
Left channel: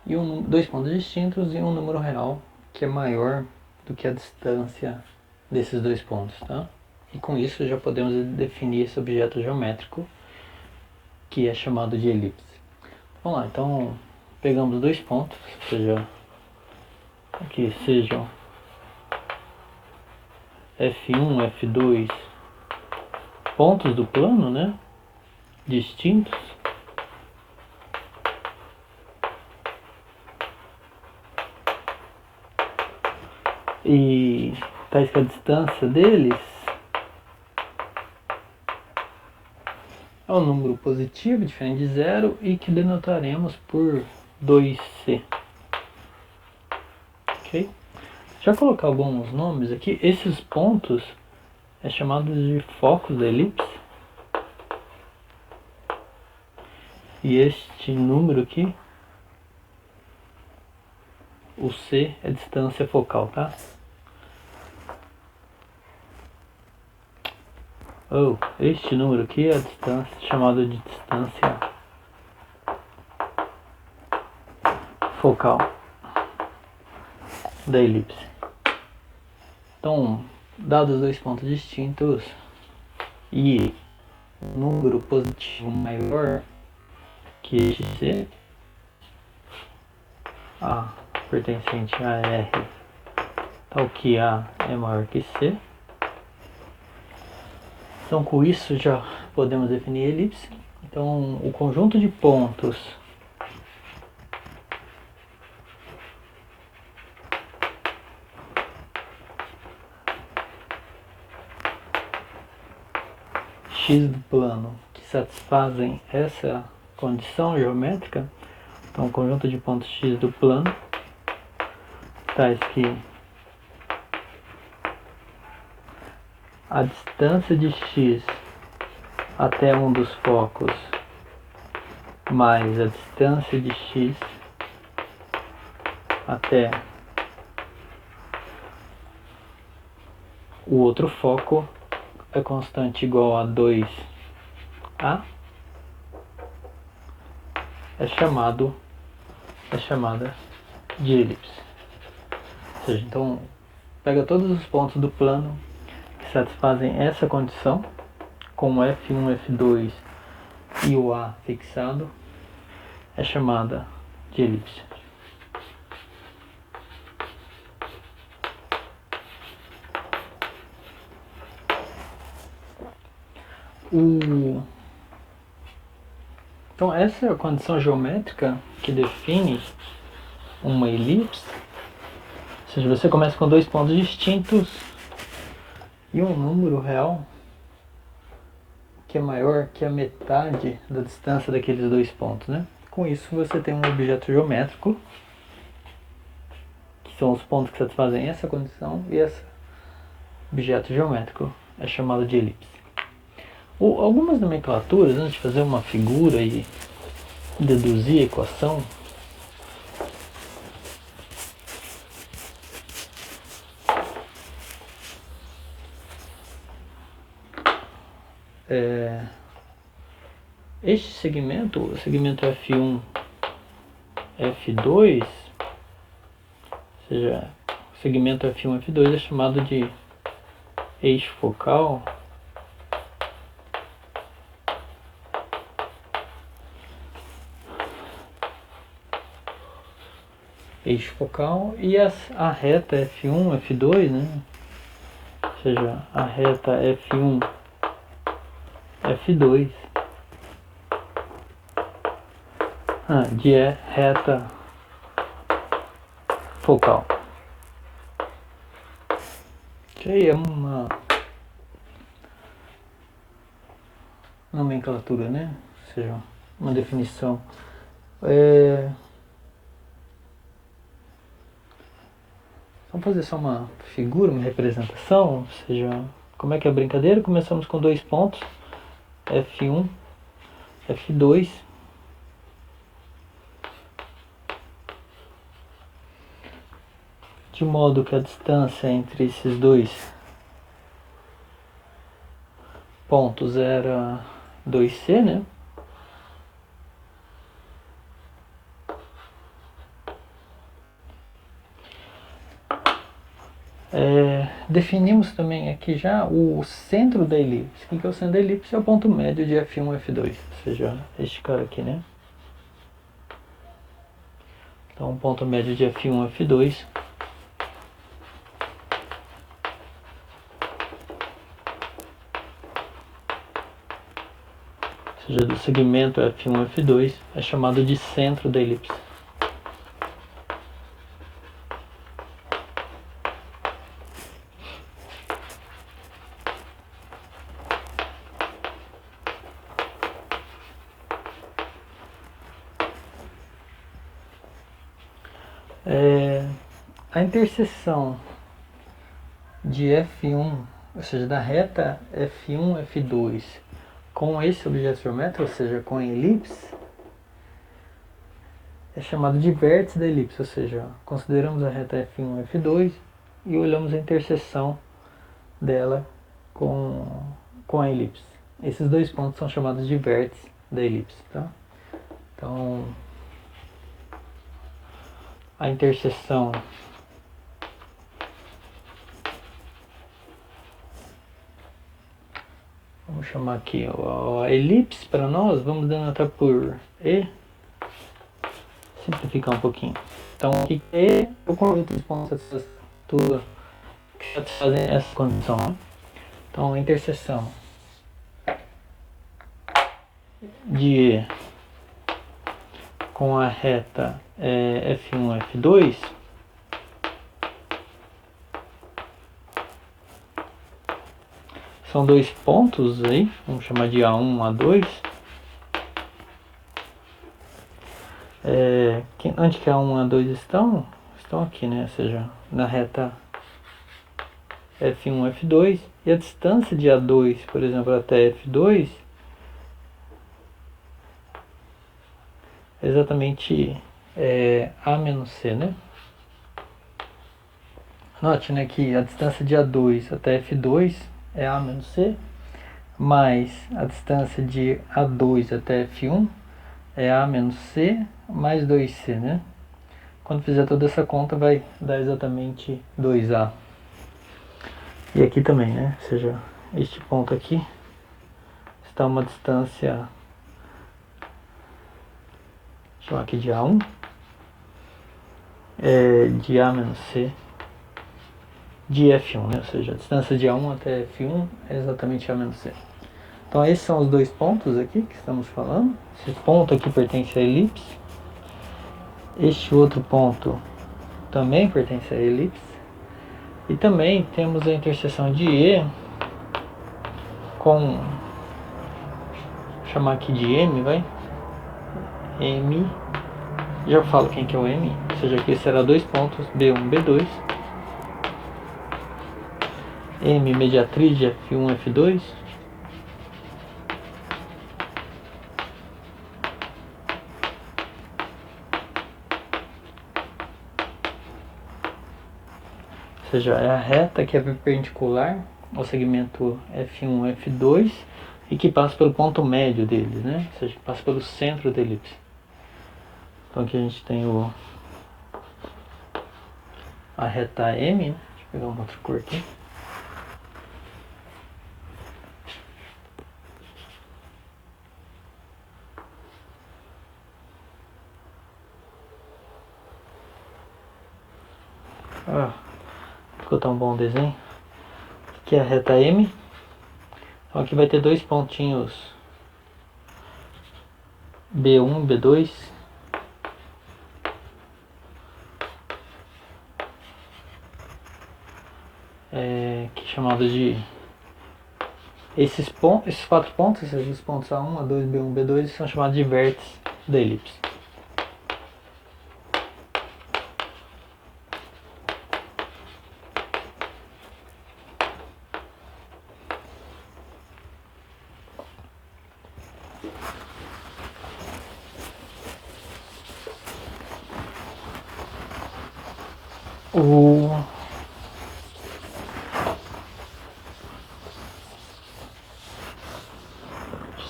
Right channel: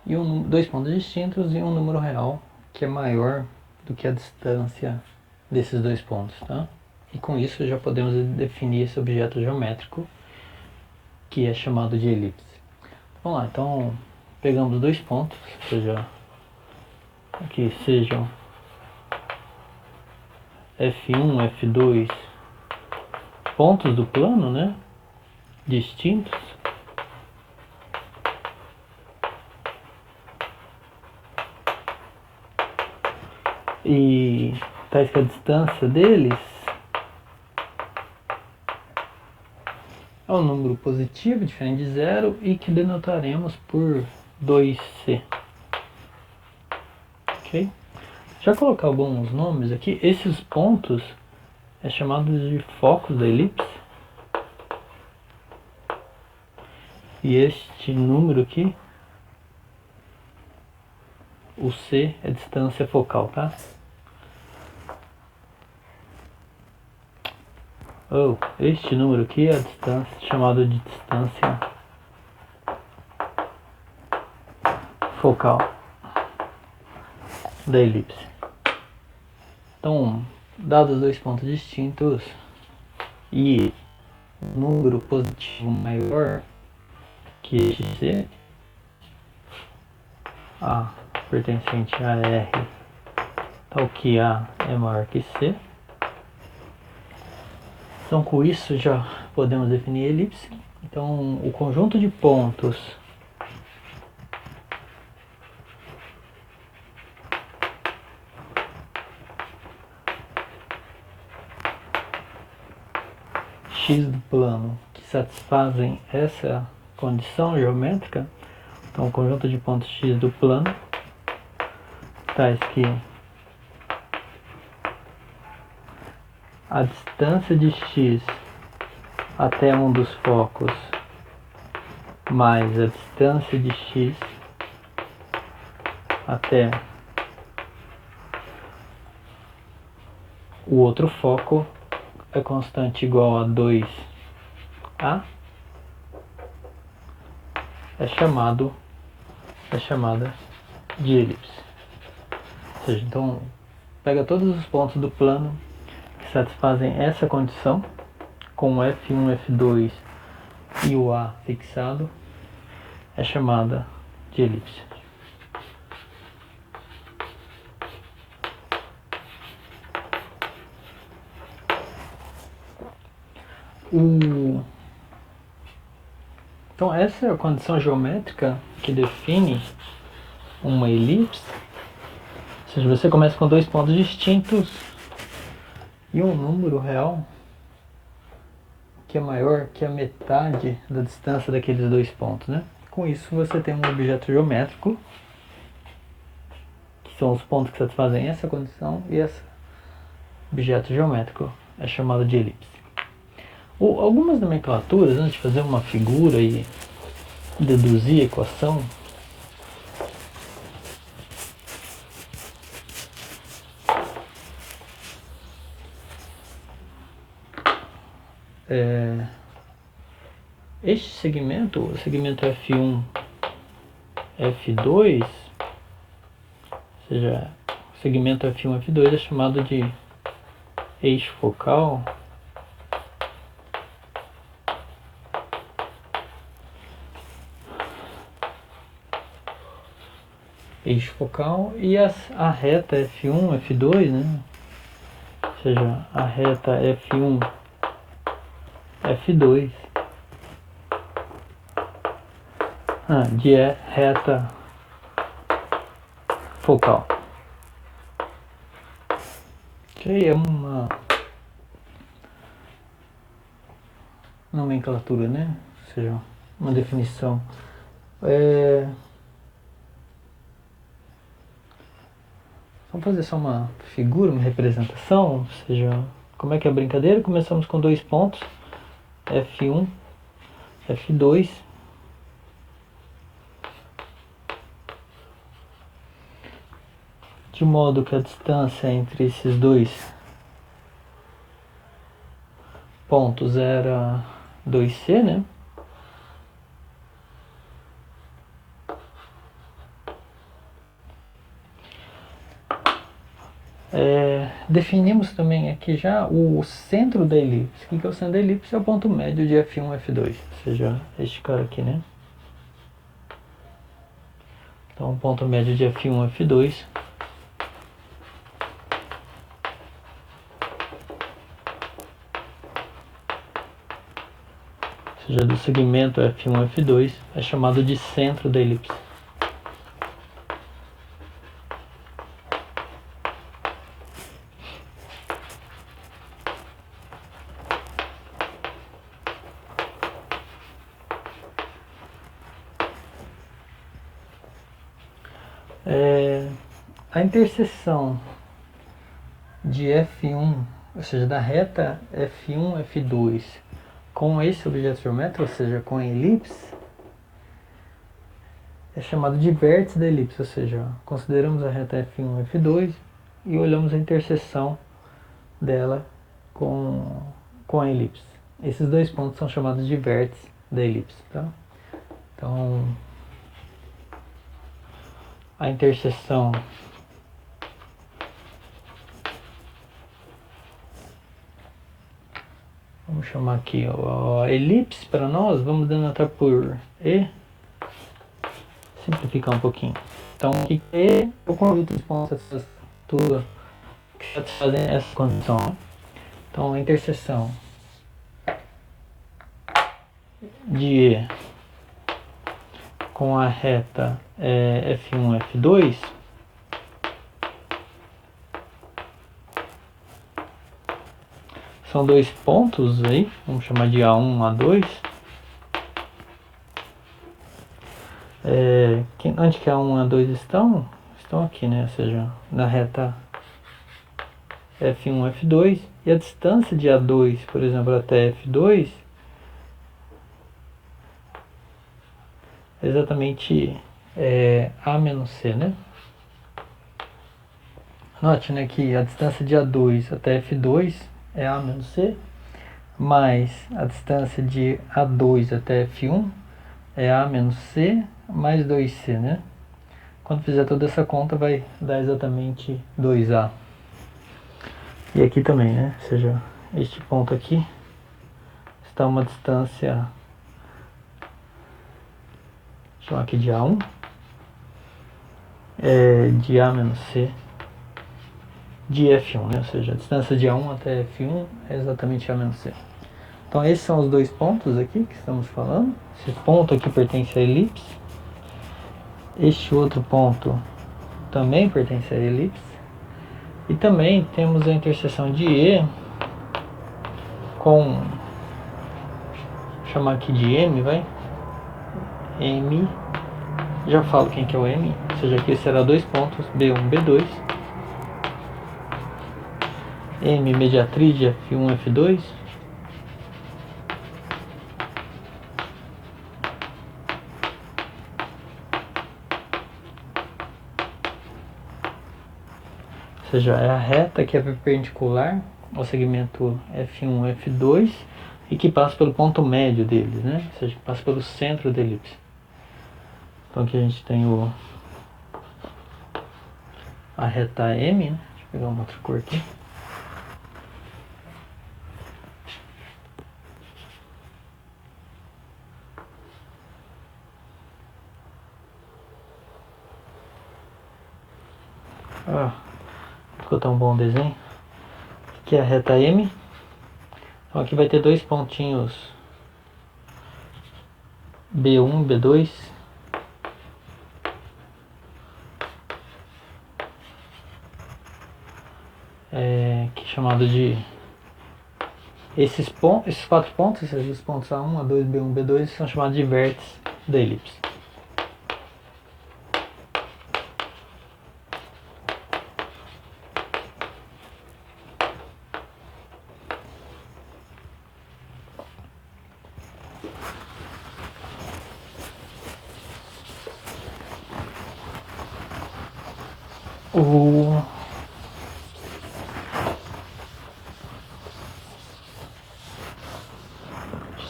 E dois pontos distintos e um número real que é maior do que a distância desses dois pontos, tá? E com isso já podemos definir esse objeto geométrico que é chamado de elipse. Vamos lá, então pegamos dois pontos, ou seja, aqui sejam F1, F2, pontos do plano, né, distintos. E tais que a distância deles é um número positivo, diferente de zero, e que denotaremos por 2C. Ok? Já colocar alguns nomes aqui. Esses pontos é chamado de focos da elipse. E este número aqui, o C, é distância focal, tá? Este número aqui é a distância, chamada de distância focal da elipse. Então, dados dois pontos distintos e um número positivo maior que este C, A pertencente a R, tal que A é maior que C. Então, com isso já podemos definir a elipse. Então, o conjunto de pontos x do plano que satisfazem essa condição geométrica, então o conjunto de pontos x do plano, tais que a distância de x até um dos focos mais a distância de x até o outro foco é constante igual a 2a, é chamada de elipse. Ou seja, então pega todos os pontos do plano que satisfazem essa condição, com F1, F2 e o A fixado, é chamada de elipse. Então essa é a condição geométrica que define uma elipse. Ou seja, você começa com dois pontos distintos e um número real que é maior que a metade da distância daqueles dois pontos, né? Com isso você tem um objeto geométrico, que são os pontos que satisfazem essa condição, e esse objeto geométrico é chamado de elipse. Algumas nomenclaturas, antes de fazer uma figura e deduzir a equação, este segmento, o segmento F1, F2, ou seja, o segmento F1, F2 é chamado de eixo focal. Eixo focal e a reta F1, F2, né? Ou seja, a reta F1, F2 de reta focal. Que é uma nomenclatura, né? Ou seja, uma definição. Vamos fazer só uma figura, uma representação, ou seja, como é que é a brincadeira? Começamos com dois pontos, F1, F2. De modo que a distância entre esses dois pontos era 2C, né? Definimos também aqui já o centro da elipse. O que é o centro da elipse? É o ponto médio de F1 e F2, ou seja, este cara aqui, né? Então, ponto médio de F1, F2. Ou seja, do segmento F1, F2 é chamado de centro da elipse. A interseção de F1, ou seja, da reta F1, F2 com esse objeto geométrico, ou seja, com a elipse, é chamado de vértice da elipse, ou seja, consideramos a reta F1, F2 e olhamos a interseção dela com a elipse. Esses dois pontos são chamados de vértice da elipse, tá? Então, a interseção vamos chamar aqui a elipse para nós, vamos denotar por E, simplificar um pouquinho. Então, E é o conjunto dos pontos que satisfazem essa condição. Né? Então, a interseção de E com a reta F1, F2 são dois pontos aí, vamos chamar de A1, A2. Onde que A1 e A2 estão? Estão aqui, né? Ou seja, na reta F1, F2. E a distância de A2, por exemplo, até F2 é exatamente A menos C, né? Note, né, que a distância de A2 até F2 é A menos C, mais a distância de A2 até F1 é A menos C mais 2C, né? Quando fizer toda essa conta vai dar exatamente 2A. E aqui também, né? Ou seja, este ponto aqui está uma distância, vou chamar aqui de A1, de A menos C de F1, né? Ou seja, a distância de A1 até F1 é exatamente A menos C. Então esses são os dois pontos aqui que estamos falando. Esse ponto aqui pertence à elipse. Este outro ponto também pertence à elipse. E também temos a interseção de E com, vou chamar aqui de M, vai? M, já falo quem que é o M, ou seja, aqui será dois pontos, B1, B2. M, mediatriz de F1, F2. Ou seja, é a reta que é perpendicular ao segmento F1, F2 e que passa pelo ponto médio deles, né? Ou seja, que passa pelo centro da elipse. Então aqui a gente tem a reta M, né? Deixa eu pegar uma outra cor aqui. Ficou tão bom o desenho. Aqui é a reta M. Então aqui vai ter dois pontinhos B1, B2. Que é chamado de esses quatro pontos, esses pontos A1, A2, B1, B2 são chamados de vértices da elipse.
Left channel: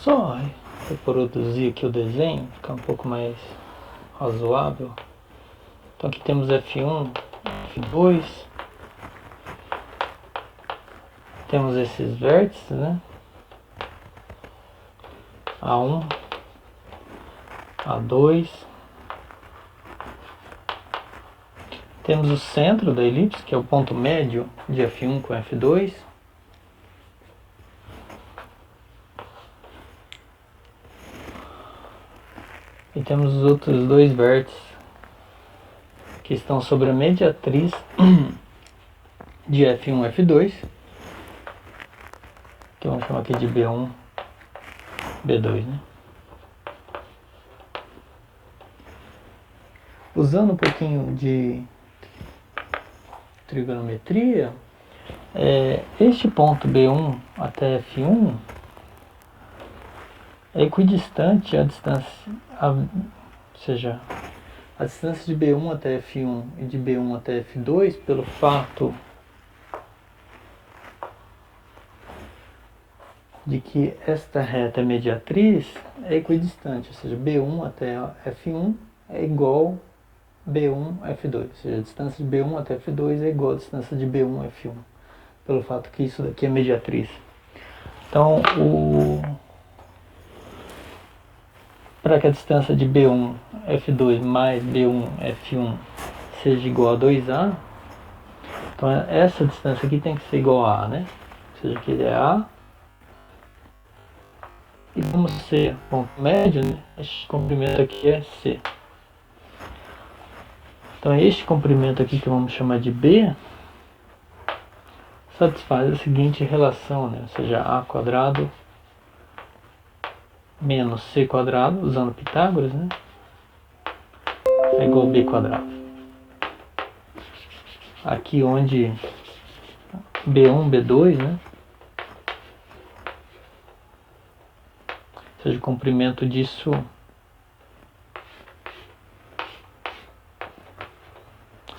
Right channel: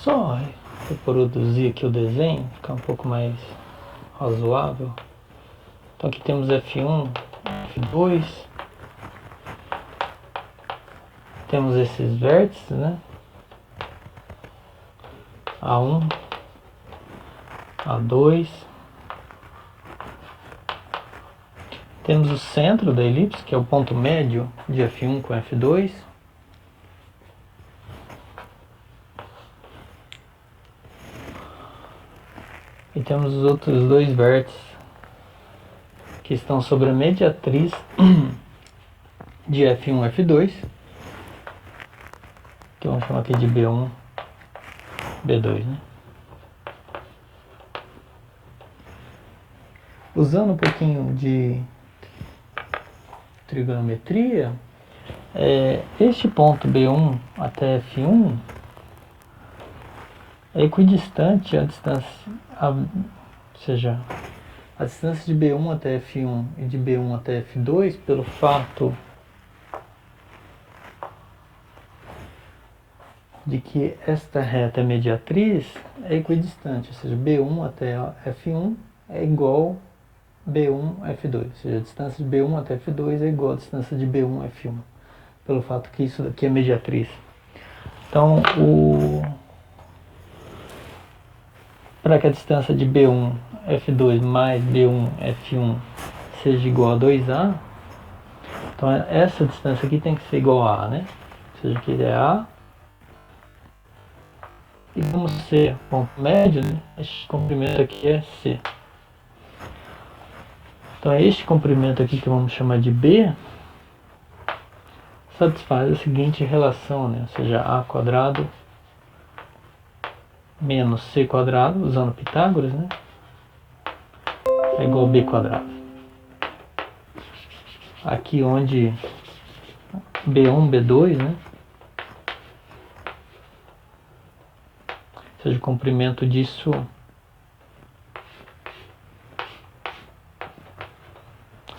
Só reproduzir aqui o desenho, ficar um pouco mais razoável. Então aqui temos F1, F2. Temos esses vértices, né? A1, A2, Temos o centro da elipse, que é o ponto médio de F1 com F2. E temos os outros dois vértices que estão sobre a mediatriz de F1 e F2, que vamos chamar aqui de B1, B2, né? Usando um pouquinho de trigonometria, este ponto B1 até F1 é equidistante à distância, ou seja, a distância de B1 até F1 e de B1 até F2 pelo fato de que esta reta mediatriz é equidistante, ou seja, B1 até F1 é igual B1 F2, ou seja, a distância de B1 até F2 é igual à distância de B1 F1, pelo fato que isso daqui é mediatriz. Então, para que a distância de B1 F2 mais B1 F1 seja igual a 2A, então essa distância aqui tem que ser igual a A, né? Ou seja, aqui é A. E vamos ser ponto médio, né? Este comprimento aqui é C. Então este comprimento aqui que vamos chamar de B satisfaz a seguinte relação, né? Ou seja, A quadrado menos C quadrado, usando Pitágoras, né? É igual a B quadrado. Aqui onde B1, B2, né? Ou seja, o comprimento disso, ou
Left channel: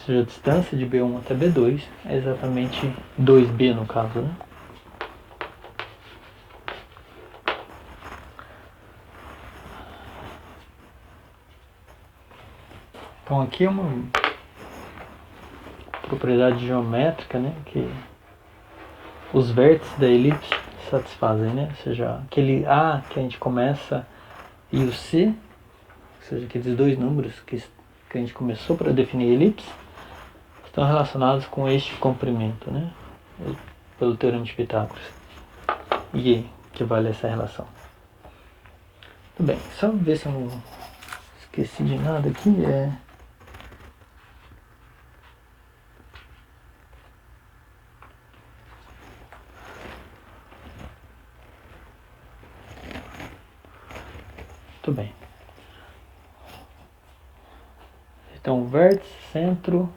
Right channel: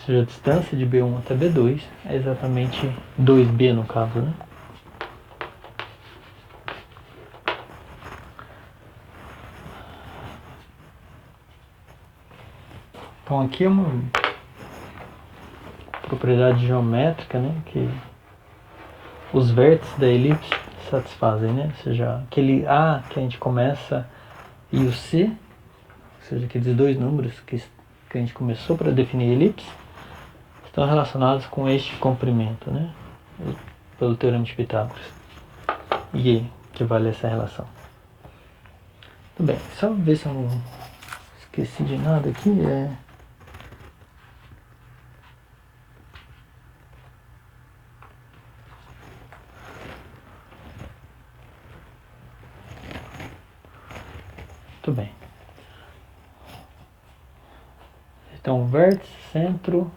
seja, a distância de B1 até B2 é exatamente 2B no caso, né? Então aqui é uma propriedade geométrica, né, que os vértices da elipse satisfazem, né? Ou seja, aquele A que a gente começa e o C, ou seja, aqueles dois números que a gente começou para definir a elipse, estão relacionados com este comprimento, né? Pelo teorema de Pitágoras. E que vale essa relação. Tudo bem, só ver se eu não esqueci de nada aqui. Muito bem. Então, vértice, centro,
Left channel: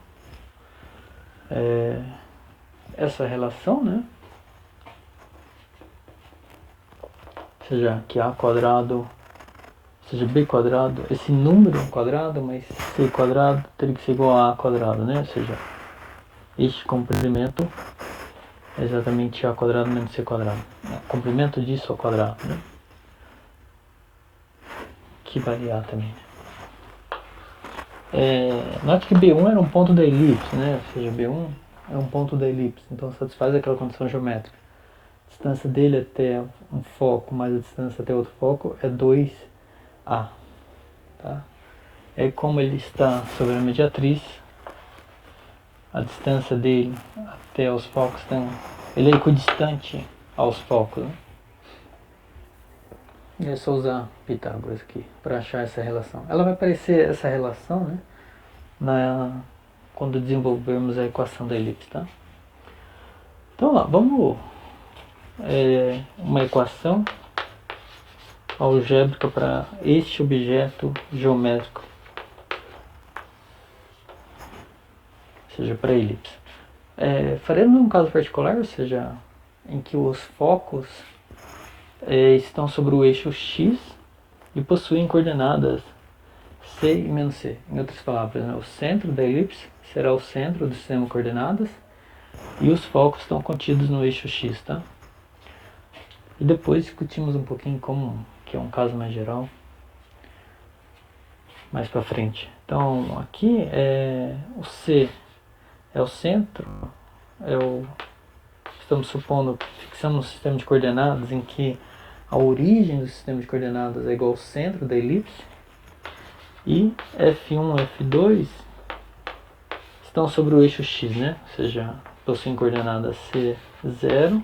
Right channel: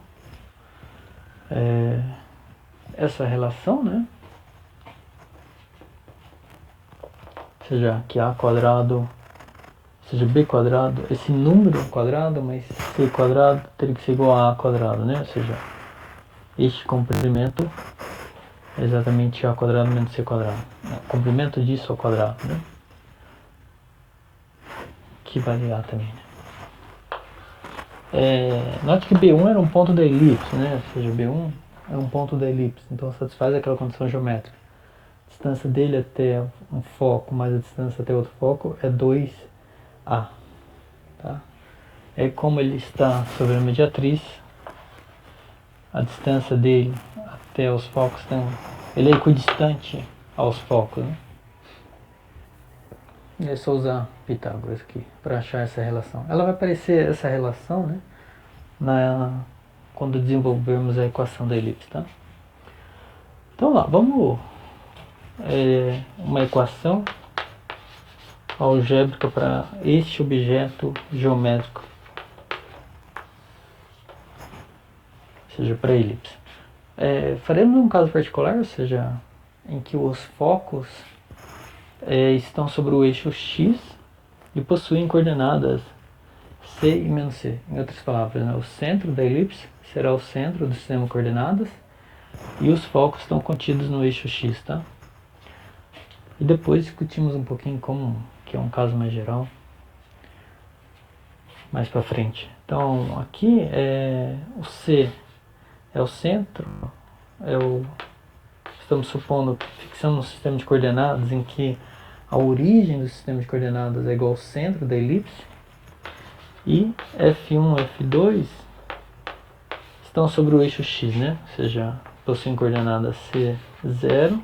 essa relação, né? Ou seja, que A quadrado, ou seja, B quadrado, esse número quadrado, mas C quadrado teria que ser igual a A quadrado, né? Ou seja, este comprimento é exatamente A quadrado menos C quadrado. O comprimento disso ao quadrado, né? Que vale A também, né? Note que B1 era um ponto da elipse, né? Ou seja, B1 é um ponto da elipse, então satisfaz aquela condição geométrica. A distância dele até um foco mais a distância até outro foco é 2A. Tá? É como ele está sobre a mediatriz, a distância dele até os focos, ele é equidistante aos focos, né? E é só usar Pitágoras aqui para achar essa relação. Ela vai aparecer essa relação, né, quando desenvolvermos a equação da elipse, tá? Então lá, vamos uma equação algébrica para este objeto geométrico, ou seja, para a elipse. Faremos um caso particular, ou seja, em que os focos estão sobre o eixo X e possuem coordenadas C e menos C. Em outras palavras, né, o centro da elipse será o centro do sistema de coordenadas e os focos estão contidos no eixo X, tá? E depois discutimos um pouquinho como, que é um caso mais geral, mais para frente. Então aqui o C é o centro, estamos supondo que fixamos um sistema de coordenadas em que a origem do sistema de coordenadas é igual ao centro da elipse, e F1 e F2 estão sobre o eixo x, né? Ou seja, possuem coordenadas C0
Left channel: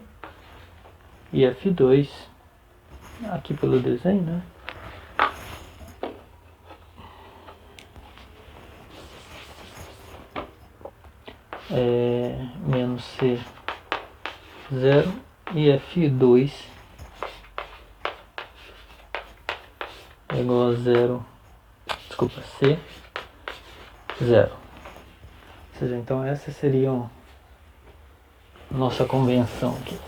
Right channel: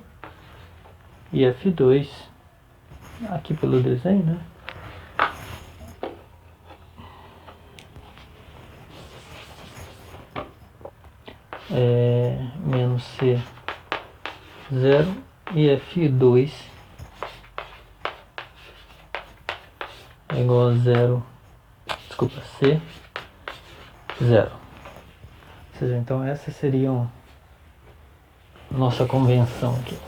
e F2, aqui pelo desenho, né? Menos C0 e F2 é igual a C0. Ou seja, então essa seria nossa convenção aqui.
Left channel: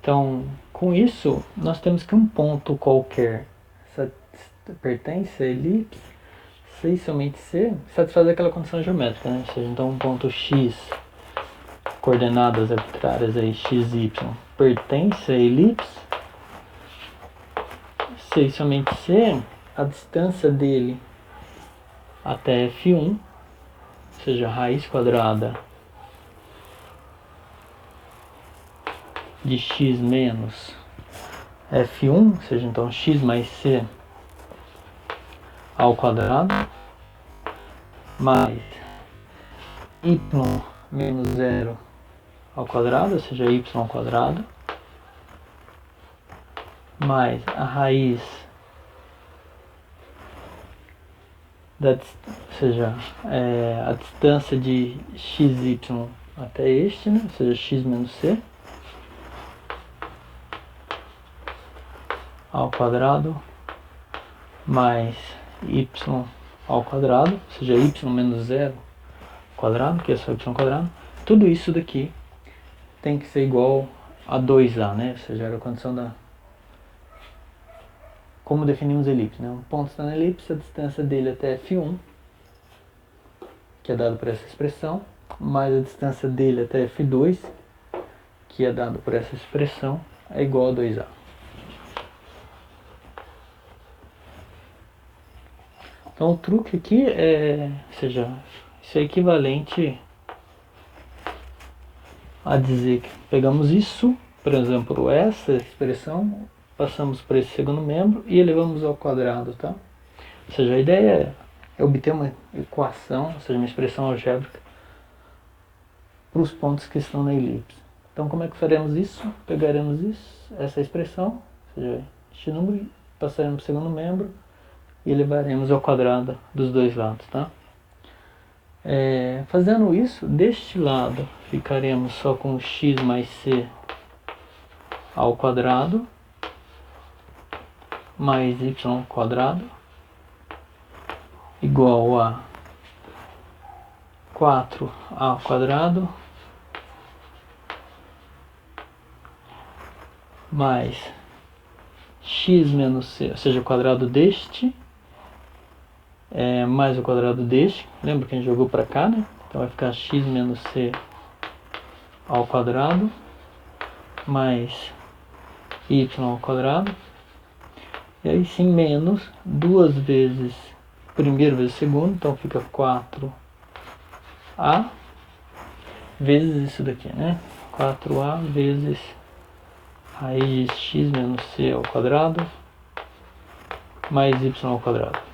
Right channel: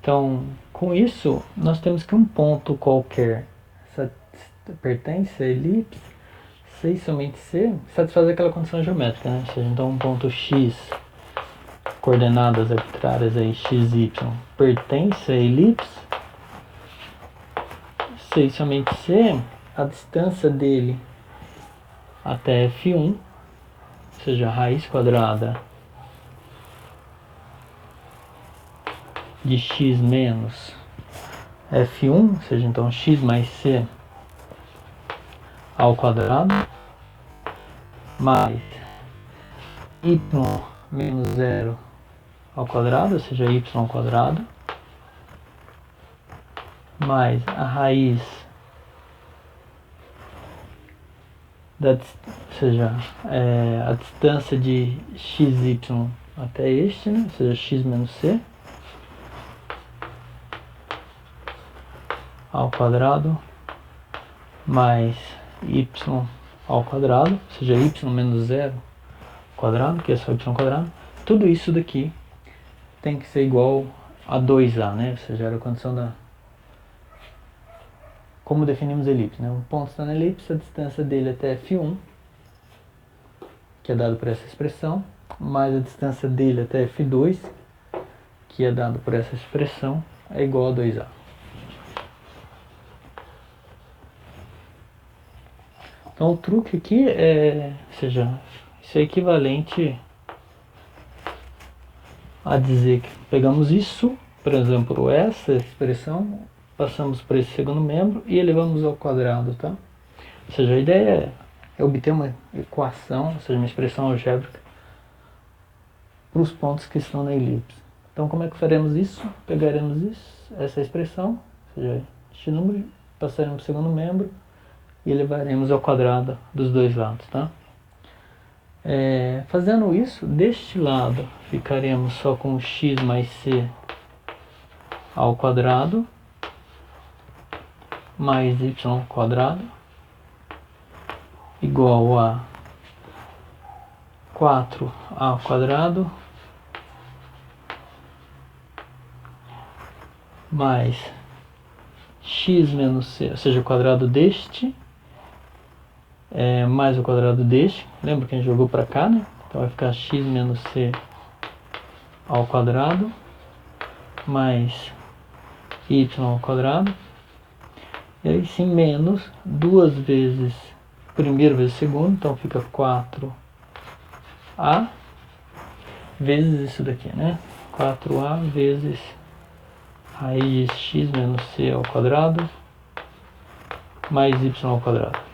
Então, com isso, nós temos que um ponto qualquer pertence à elipse C e somente C satisfaz aquela condição geométrica, né? Ou seja, então um ponto X, coordenadas arbitrárias aí, x, y, pertence à elipse C e somente C, a distância dele até F1, ou seja, a raiz quadrada de x menos F1, ou seja, então x mais C ao quadrado, mais y menos 0 ao quadrado, ou seja, y ao quadrado, mais a raiz ou seja, a distância de xy até este, né? Ou seja, x menos c ao quadrado mais y ao quadrado, ou seja, y menos 0 ao quadrado, que é só y ao quadrado. Tudo isso daqui tem que ser igual a 2a, né? Ou seja, era a condição da... Como definimos a elipse, né? Um ponto está na elipse, a distância dele até F1, que é dado por essa expressão, mais a distância dele até F2, que é dado por essa expressão, é igual a 2a. Então o truque aqui ou seja, isso é equivalente a dizer que pegamos isso, por exemplo, essa expressão, passamos por esse segundo membro e elevamos ao quadrado, tá? Ou seja, a ideia é obter uma equação, ou seja, uma expressão algébrica para os pontos que estão na elipse. Então como é que faremos isso? Pegaremos essa expressão, ou seja, este número, passaremos para o segundo membro e elevaremos ao quadrado dos dois lados, tá? Fazendo isso, deste lado ficaremos só com x mais c ao quadrado mais y ao quadrado igual a 4a ao quadrado mais x menos c, ou seja, o quadrado deste mais o quadrado deste. Lembra que a gente jogou para cá, né? Então vai ficar x menos c ao quadrado mais y ao quadrado. E aí sim, menos 2 vezes primeiro vezes segundo, então fica 4a vezes isso daqui, né? 4a vezes raiz de x menos c ao quadrado mais y ao quadrado.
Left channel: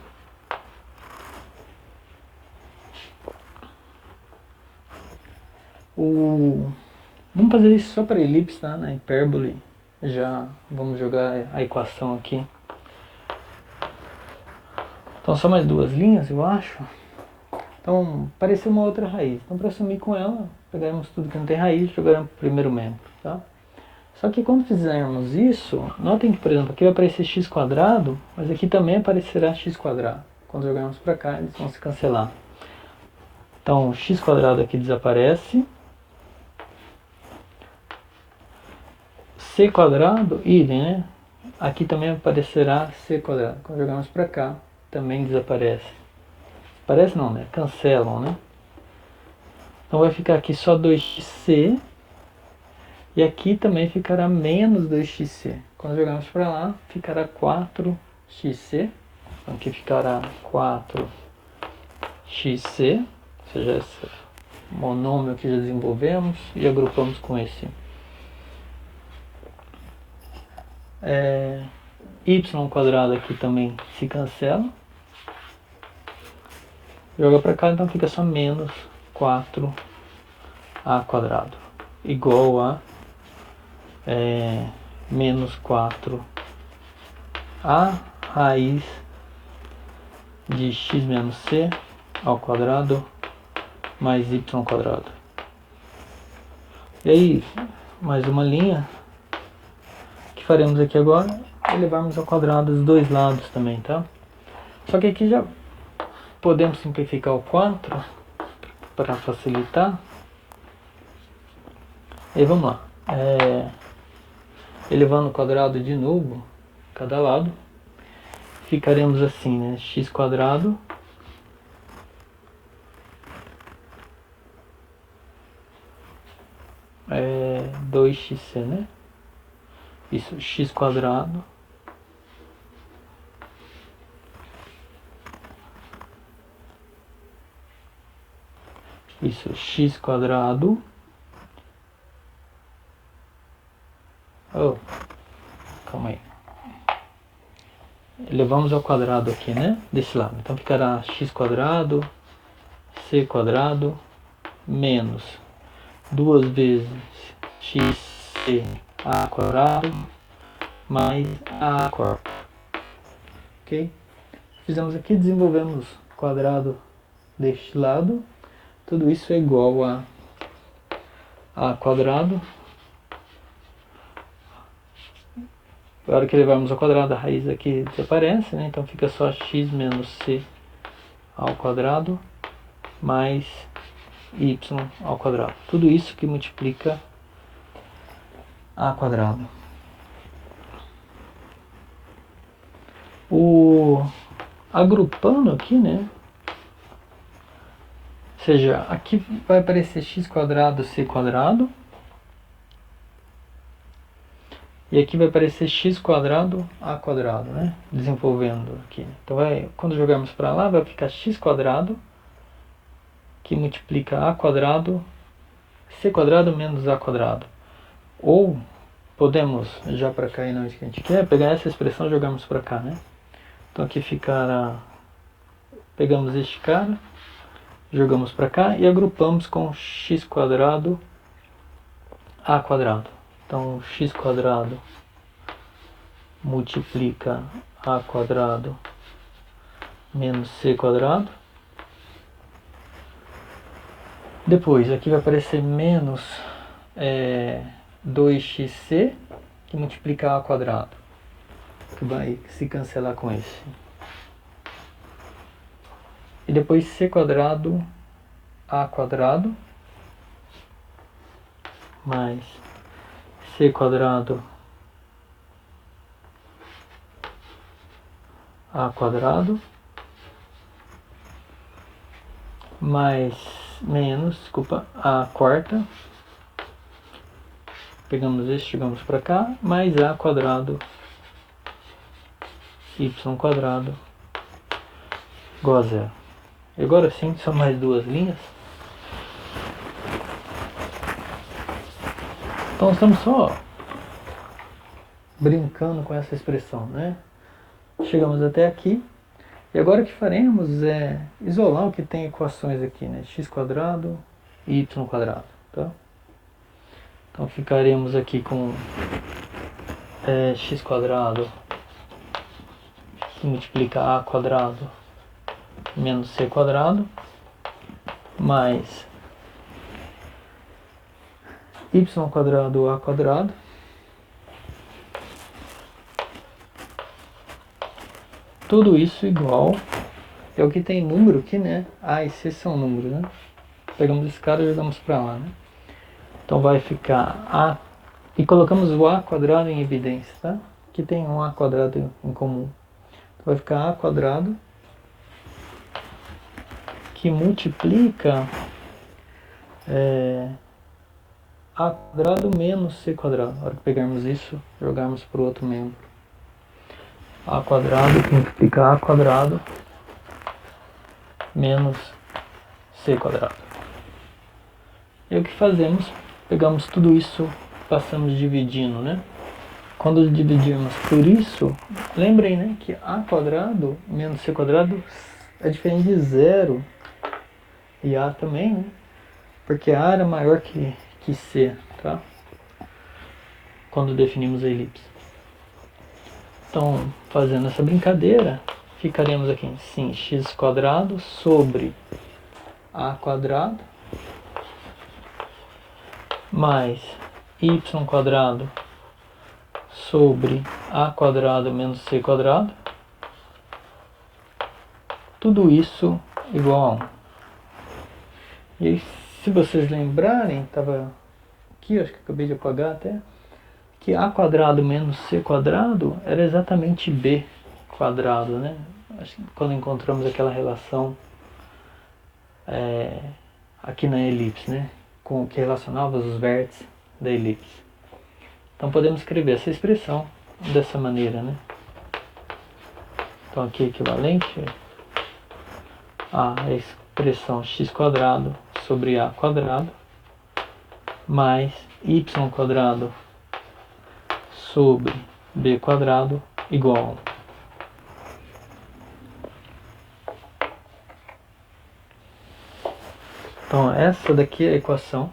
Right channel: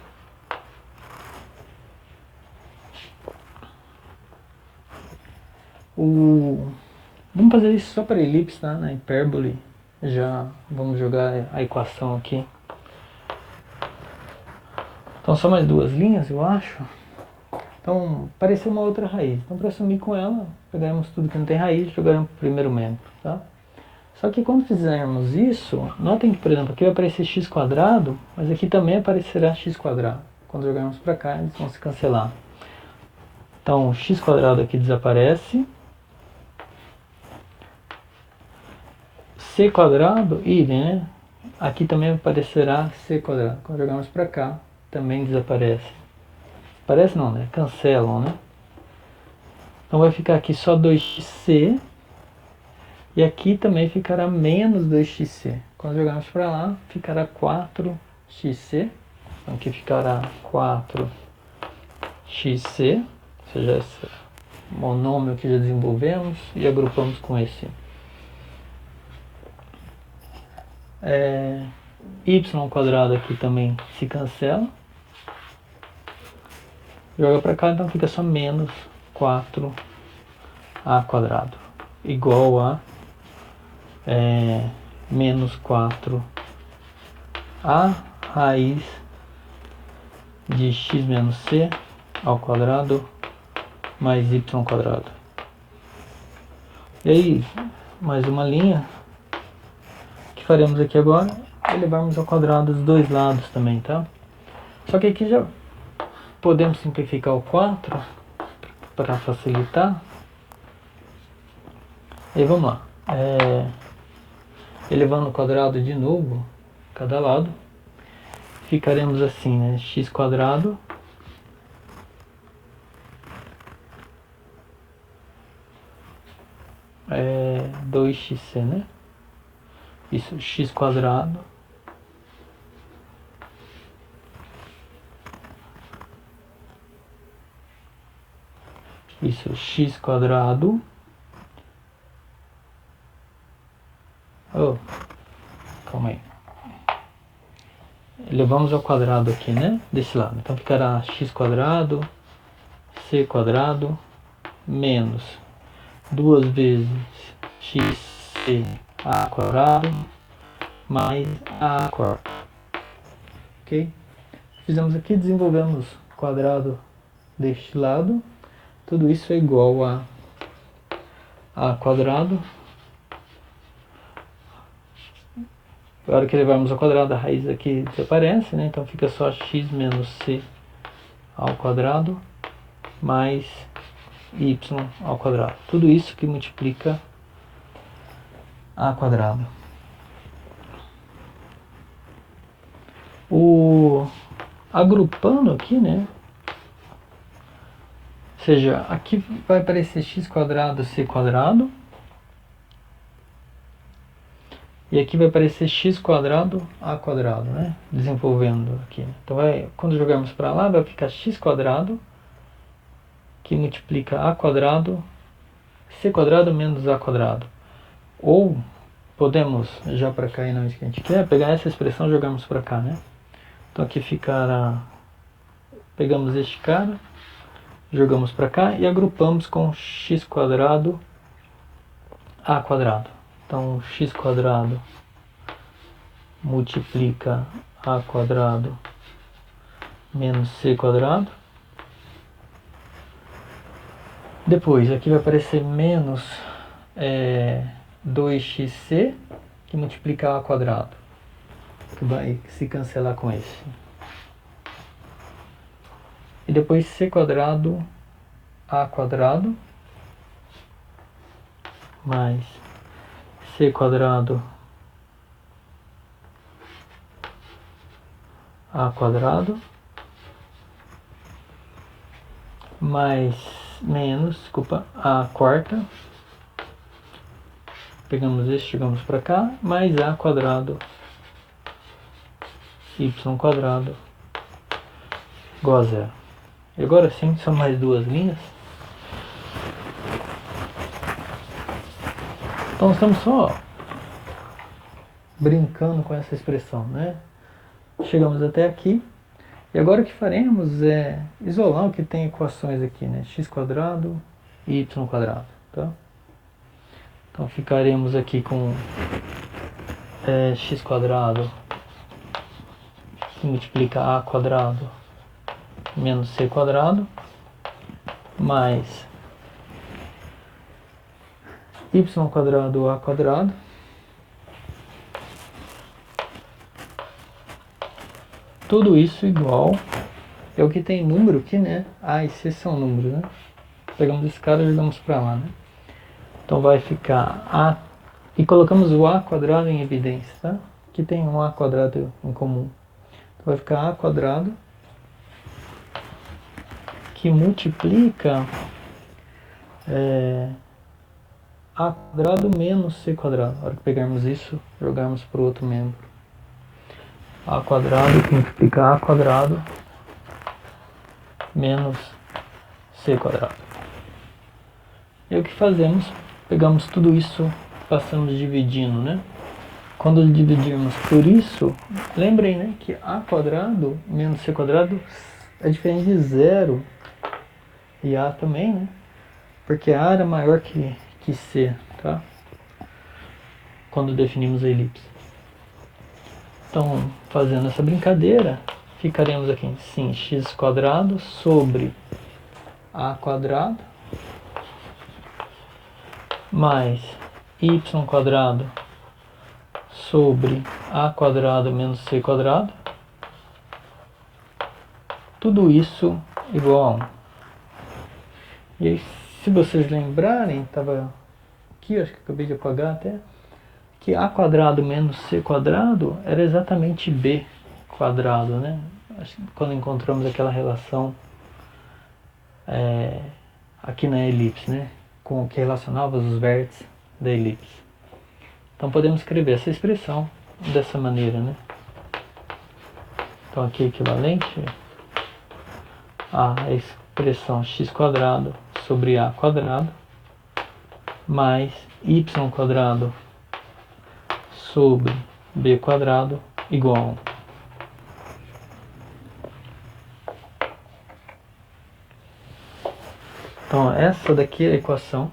Vamos fazer isso só para elipse, tá? Na hipérbole já vamos jogar a equação aqui. Então só mais duas linhas, eu acho. Então apareceu uma outra raiz. Então para sumir com ela, pegaremos tudo que não tem raiz e jogaremos para o primeiro membro, tá? Só que quando fizermos isso, notem que, por exemplo, aqui vai aparecer x quadrado, mas aqui também aparecerá x quadrado. Quando jogarmos para cá, eles vão se cancelar. Então o x quadrado aqui desaparece. C quadrado, idem, né? Aqui também aparecerá C quadrado. Quando jogarmos para cá, também desaparece. Aparece não, né? Cancelam, né? Então vai ficar aqui só 2xc. E aqui também ficará menos 2xc. Quando jogarmos para lá, ficará 4xc. Então aqui ficará 4xc. Ou seja, esse monômio que já desenvolvemos e agrupamos com esse. Y² aqui também se cancela. Joga para cá, então fica só menos 4a² igual a menos 4a raiz de x menos c ao quadrado mais y². E aí, mais uma linha que faremos aqui agora, elevarmos ao quadrado os dois lados também, tá? Só que aqui já podemos simplificar o 4 para facilitar. E vamos lá. Elevando ao quadrado de novo, cada lado, ficaremos assim, né? X² 2xc, né? Isso, x². Isso, x². Oh, calma aí. Elevamos ao quadrado aqui, né? Desse lado. Então ficará x² c² menos 2 vezes xc a² mais a². Ok? Fizemos aqui, desenvolvemos o quadrado deste lado. Tudo isso é igual a a². Na hora que levarmos ao quadrado, a raiz aqui desaparece, né? Então fica só x menos c ao quadrado mais y². Tudo isso que multiplica a². Agrupando aqui, né? Ou seja, aqui vai aparecer x² c². E aqui vai aparecer x² a², né? Desenvolvendo aqui. Então quando jogarmos para lá, vai ficar x² que multiplica a² c² menos a². Ou podemos, já para cá e não é isso que a gente quer, pegar essa expressão e jogarmos para cá, né? Então aqui ficará, pegamos este cara, jogamos para cá e agrupamos com x² a². Então x² multiplica a² menos c². Depois aqui vai aparecer menos 2xc que multiplica a², que vai se cancelar com esse. E depois c² a² mais c² a² mais menos, desculpa, a². Pegamos esse, chegamos para cá, mais a² y² igual a 0. E agora sim, são mais duas linhas. Então estamos só brincando com essa expressão, né? Chegamos até aqui. E agora o que faremos é isolar o que tem equações aqui, né? x² e y², tá? Então ficaremos aqui com x² que multiplica a² menos c² mais y² a². Tudo isso igual é o que tem número aqui, né? A e C são números, né? Pegamos esse cara e jogamos para lá, né? Então vai ficar A, e colocamos o A² em evidência, tá? Aqui tem um A² em comum. Então vai ficar A² que multiplica A² menos C². Na hora que pegarmos isso, jogarmos para o outro membro. A² que multiplica A² menos c quadrado. E o que fazemos? Pegamos tudo isso, passamos dividindo, né? Quando dividirmos por isso, lembrem, né, que a quadrado menos c quadrado é diferente de zero. E a também, né? Porque a era maior que c, tá? Quando definimos a elipse. Então, fazendo essa brincadeira, ficaremos aqui em sim, x quadrado sobre a quadrado mais y quadrado sobre a quadrado menos c quadrado. Tudo isso igual a 1. E aí, se vocês lembrarem, estava aqui, acho que acabei de apagar até, que a quadrado menos c quadrado era exatamente b quadrado, né? Quando encontramos aquela relação aqui na elipse, né? Com o que relacionava os vértices da elipse. Então podemos escrever essa expressão dessa maneira, né? Então aqui equivalente a expressão x quadrado sobre a quadrado mais y quadrado sobre b quadrado igual a 1. Então essa daqui é a equação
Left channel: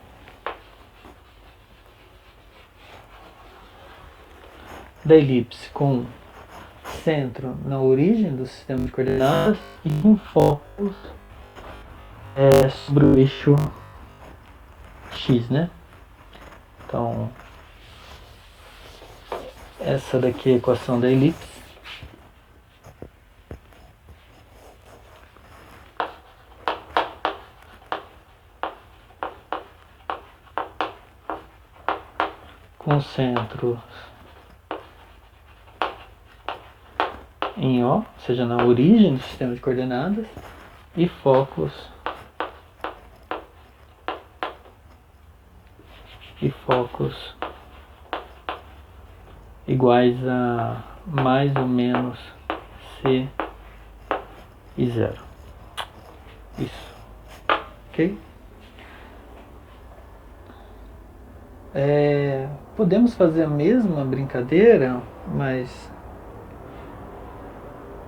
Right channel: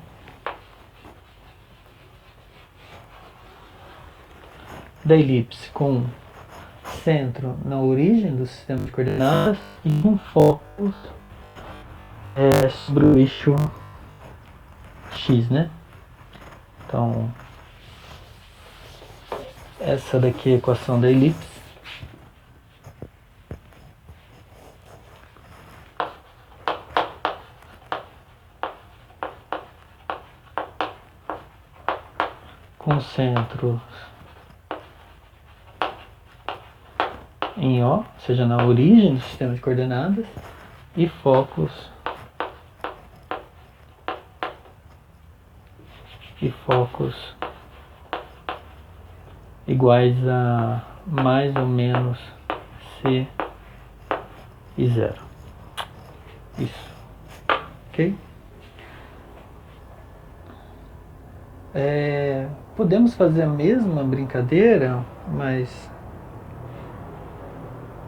da elipse com centro na origem do sistema de coordenadas e um foco sobre o eixo x, né? Então essa daqui é a equação da elipse. Com centros em O, ou seja, na origem do sistema de coordenadas, e focos iguais a mais ou menos C e 0. Isso. Ok? Podemos fazer a mesma brincadeira, mas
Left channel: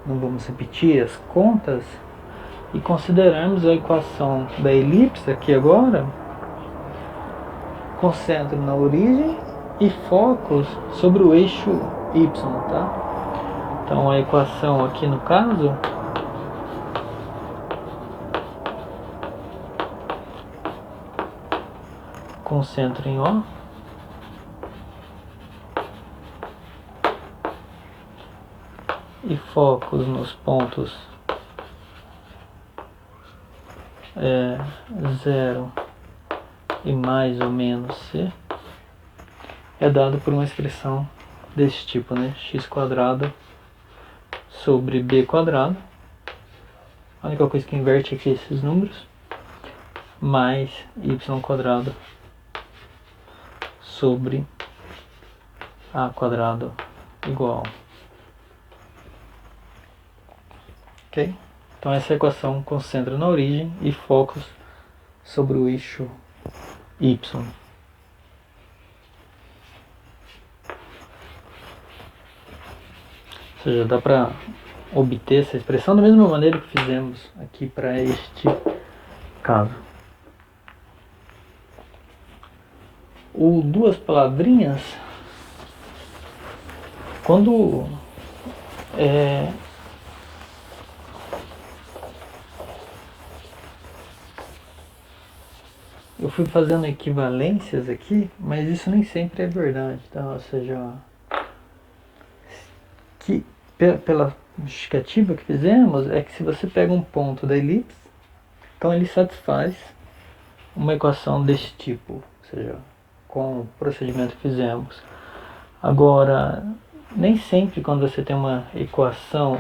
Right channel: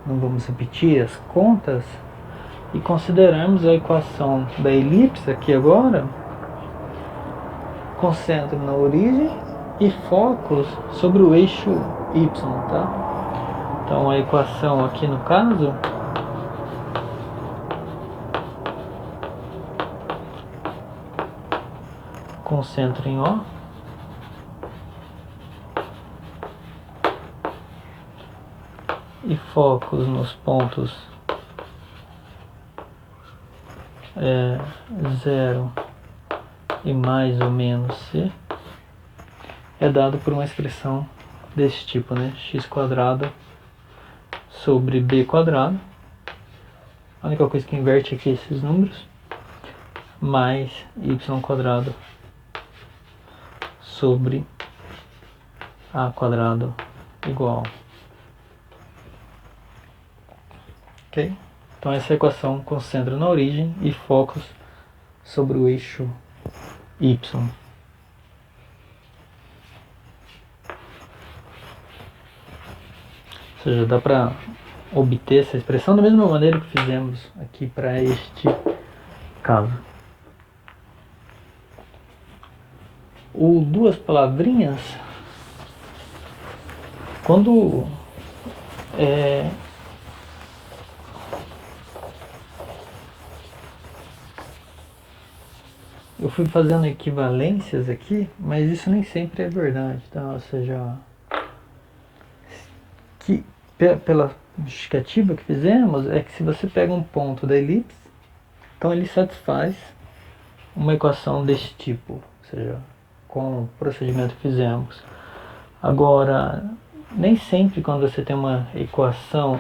não vamos repetir as contas e considerarmos a equação da elipse aqui agora com centro na origem e focos sobre o eixo y, tá? Então a equação aqui no caso com centro em O e focos nos pontos 0 e mais ou menos C é dado por uma expressão desse tipo, né? X quadrado sobre B quadrado. A única coisa que inverte aqui é esses números, mais Y quadrado sobre A quadrado igual. Ok? Então essa equação concentra na origem e focos sobre o eixo Y. Ou seja, dá para obter essa expressão da mesma maneira que fizemos aqui para este caso. O duas palavrinhas, quando eu fui fazendo equivalências aqui, mas isso nem sempre é verdade, tá? Ou seja, que pela justificativa que fizemos é que se você pega um ponto da elipse, então ele satisfaz uma equação desse tipo, ou seja, com o procedimento que fizemos. Agora, nem sempre quando você tem uma equação,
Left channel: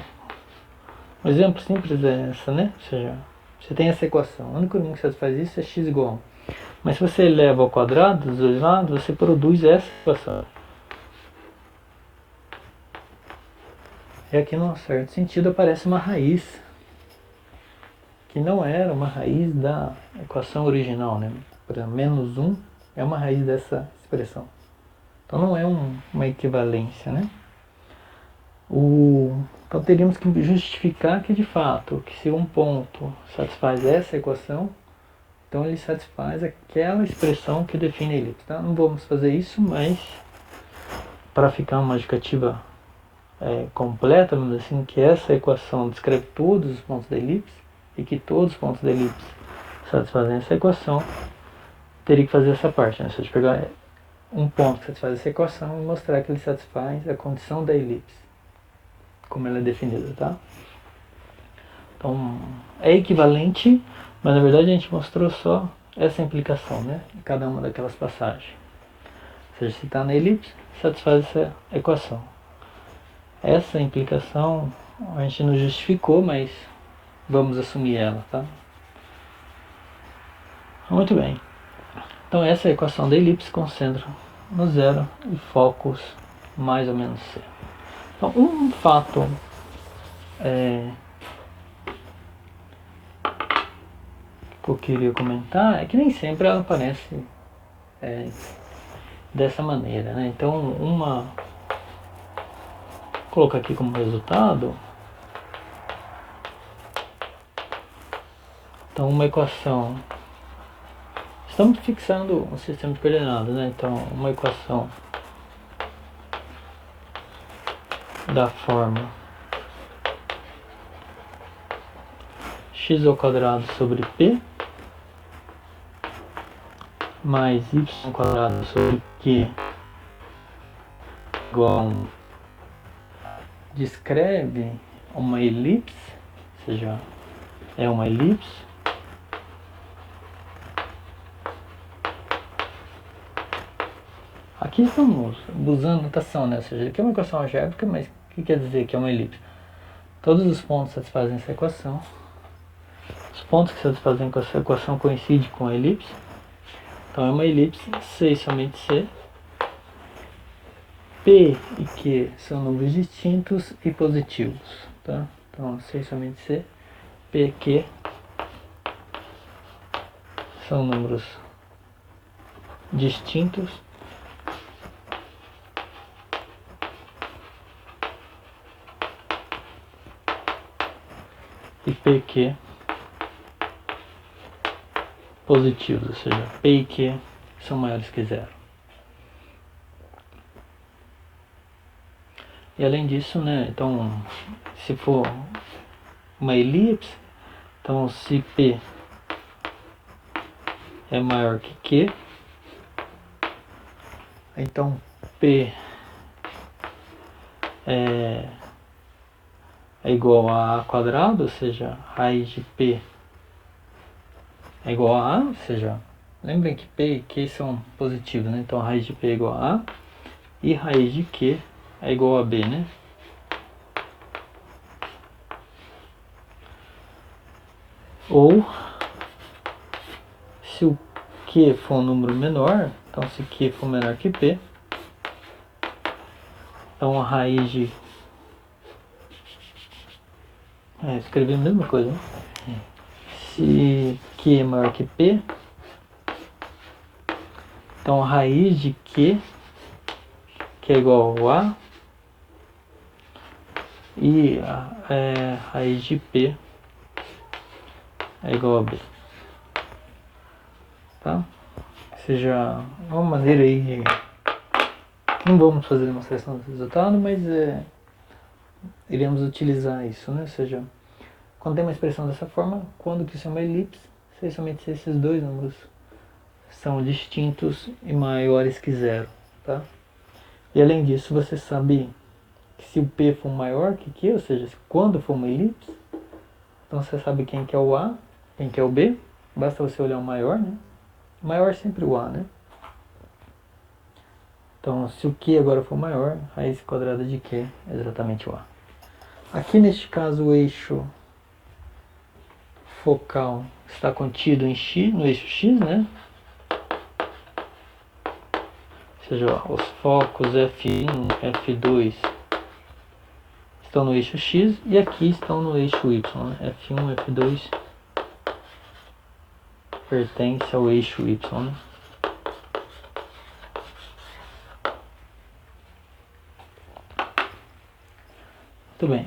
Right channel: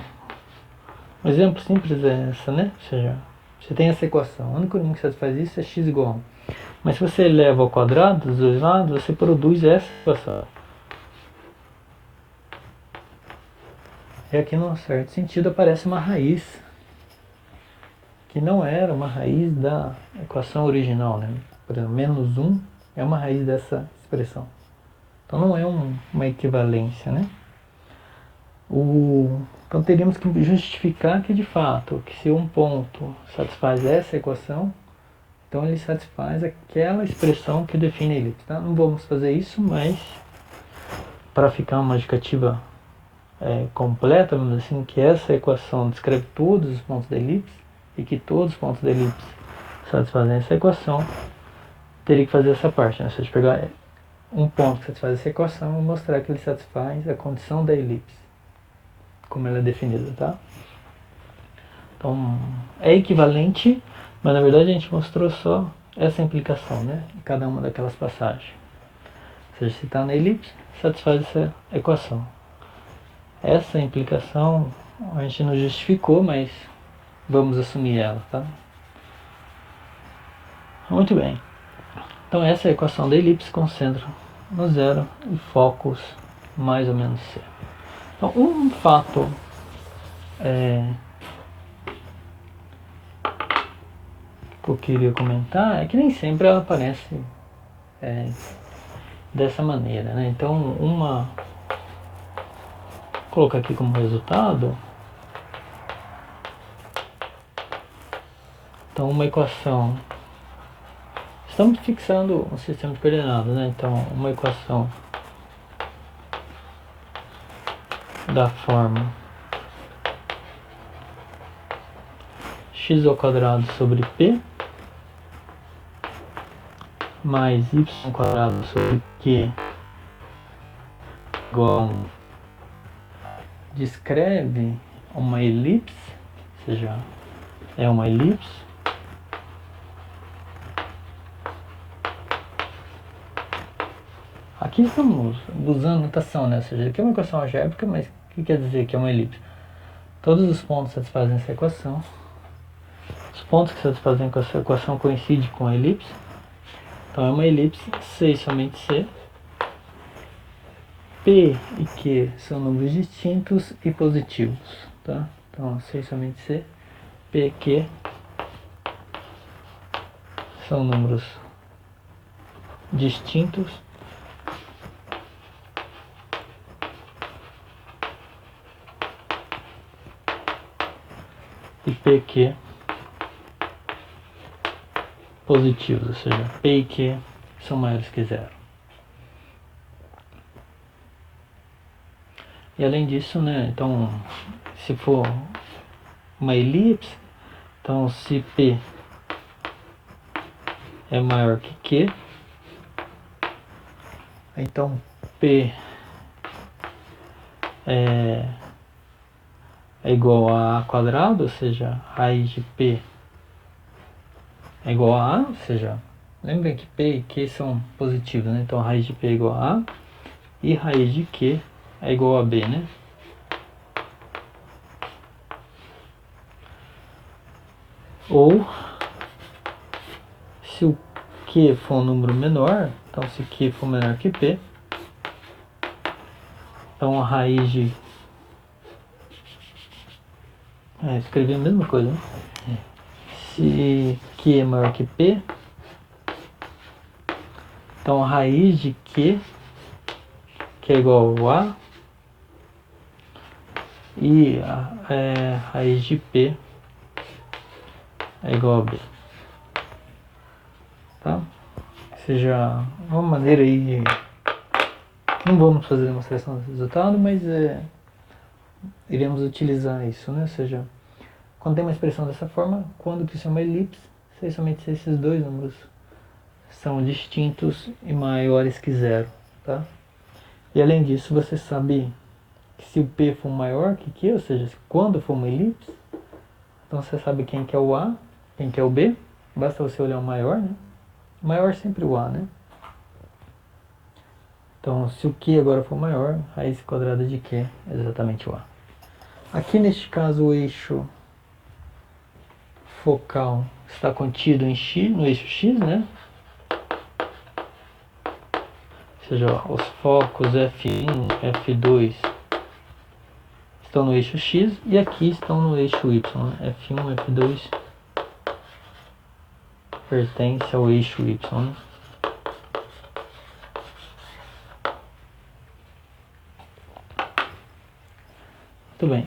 um exemplo simples é essa, né? Ou seja, você tem essa equação, o único número que satisfaz isso é x igual a 1. Mas se você eleva ao quadrado dos dois lados, você produz essa equação. E aqui, num certo sentido, aparece uma raiz que não era uma raiz da equação original, né? Por exemplo, menos 1 é uma raiz dessa expressão. Então não é uma equivalência, né? Então teríamos que justificar que de fato, que se um ponto satisfaz essa equação, então ele satisfaz aquela expressão que define a elipse. Tá? Não vamos fazer isso, mas para ficar uma justificativa completa, vamos dizer assim, que essa equação descreve todos os pontos da elipse e que todos os pontos da elipse satisfazem essa equação, teria que fazer essa parte, né? Ou seja, pegar um ponto que satisfaz essa equação e mostrar que ele satisfaz a condição da elipse, como ela é definida, tá? Então, é equivalente, mas na verdade a gente mostrou só essa implicação, né? Em cada uma daquelas passagens. Ou seja, se está na elipse, satisfaz essa equação. Essa implicação a gente não justificou, mas vamos assumir ela, tá? Muito bem. Então essa é a equação da elipse concentra no zero e focos mais ou menos C. Então um fato que eu queria comentar é que nem sempre ela aparece dessa maneira, né? Então vou colocar aqui como resultado. Então uma equação, estamos fixando um sistema de coordenadas, né? Então uma equação da forma x ao quadrado sobre p mais y ao quadrado sobre q igual descreve uma elipse, ou seja, é uma elipse aqui estamos usando notação, né? Ou seja, aqui é uma equação algébrica, mas o que quer dizer que é uma elipse? Todos os pontos satisfazem essa equação. Os pontos que satisfazem essa equação coincidem com a elipse. Então é uma elipse C e somente C. P e Q são números distintos e positivos. Tá? Então C e somente C. P e Q são números distintos e P e Q positivos, ou seja, P e Q são maiores que zero. E além disso, né, então, se for uma elipse, então se P é maior que Q, então P é igual a A quadrado, ou seja, raiz de P é igual a A, ou seja, lembrem que P e Q são positivos, né? Então a raiz de P é igual a A e raiz de Q é igual a B, né? Ou se o Q for um número menor, então se Q for menor que P, então a raiz de... escrevi a mesma coisa, né? Se Q é maior que P, então a raiz de Q, que é igual a A, e a raiz de P é igual a B. Tá? Ou seja, uma maneira aí de... Não vamos fazer demonstração do resultado, mas iremos utilizar isso, né? Ou seja, quando tem uma expressão dessa forma, quando que isso é uma elipse, somente se esses dois números são distintos e maiores que zero, tá? E além disso, você sabe que se o P for maior que Q, ou seja, quando for uma elipse, então você sabe quem que é o A, quem que é o B, basta você olhar o maior, né? O maior é sempre o A, né? Então, se o Q agora for maior, raiz quadrada de Q é exatamente o A. Aqui neste caso o eixo focal está contido em X, no eixo X, né? Ou seja, os focos F1, F2 estão no eixo X e aqui estão no eixo Y, né? F1, F2 pertence ao eixo Y, né? Muito bem.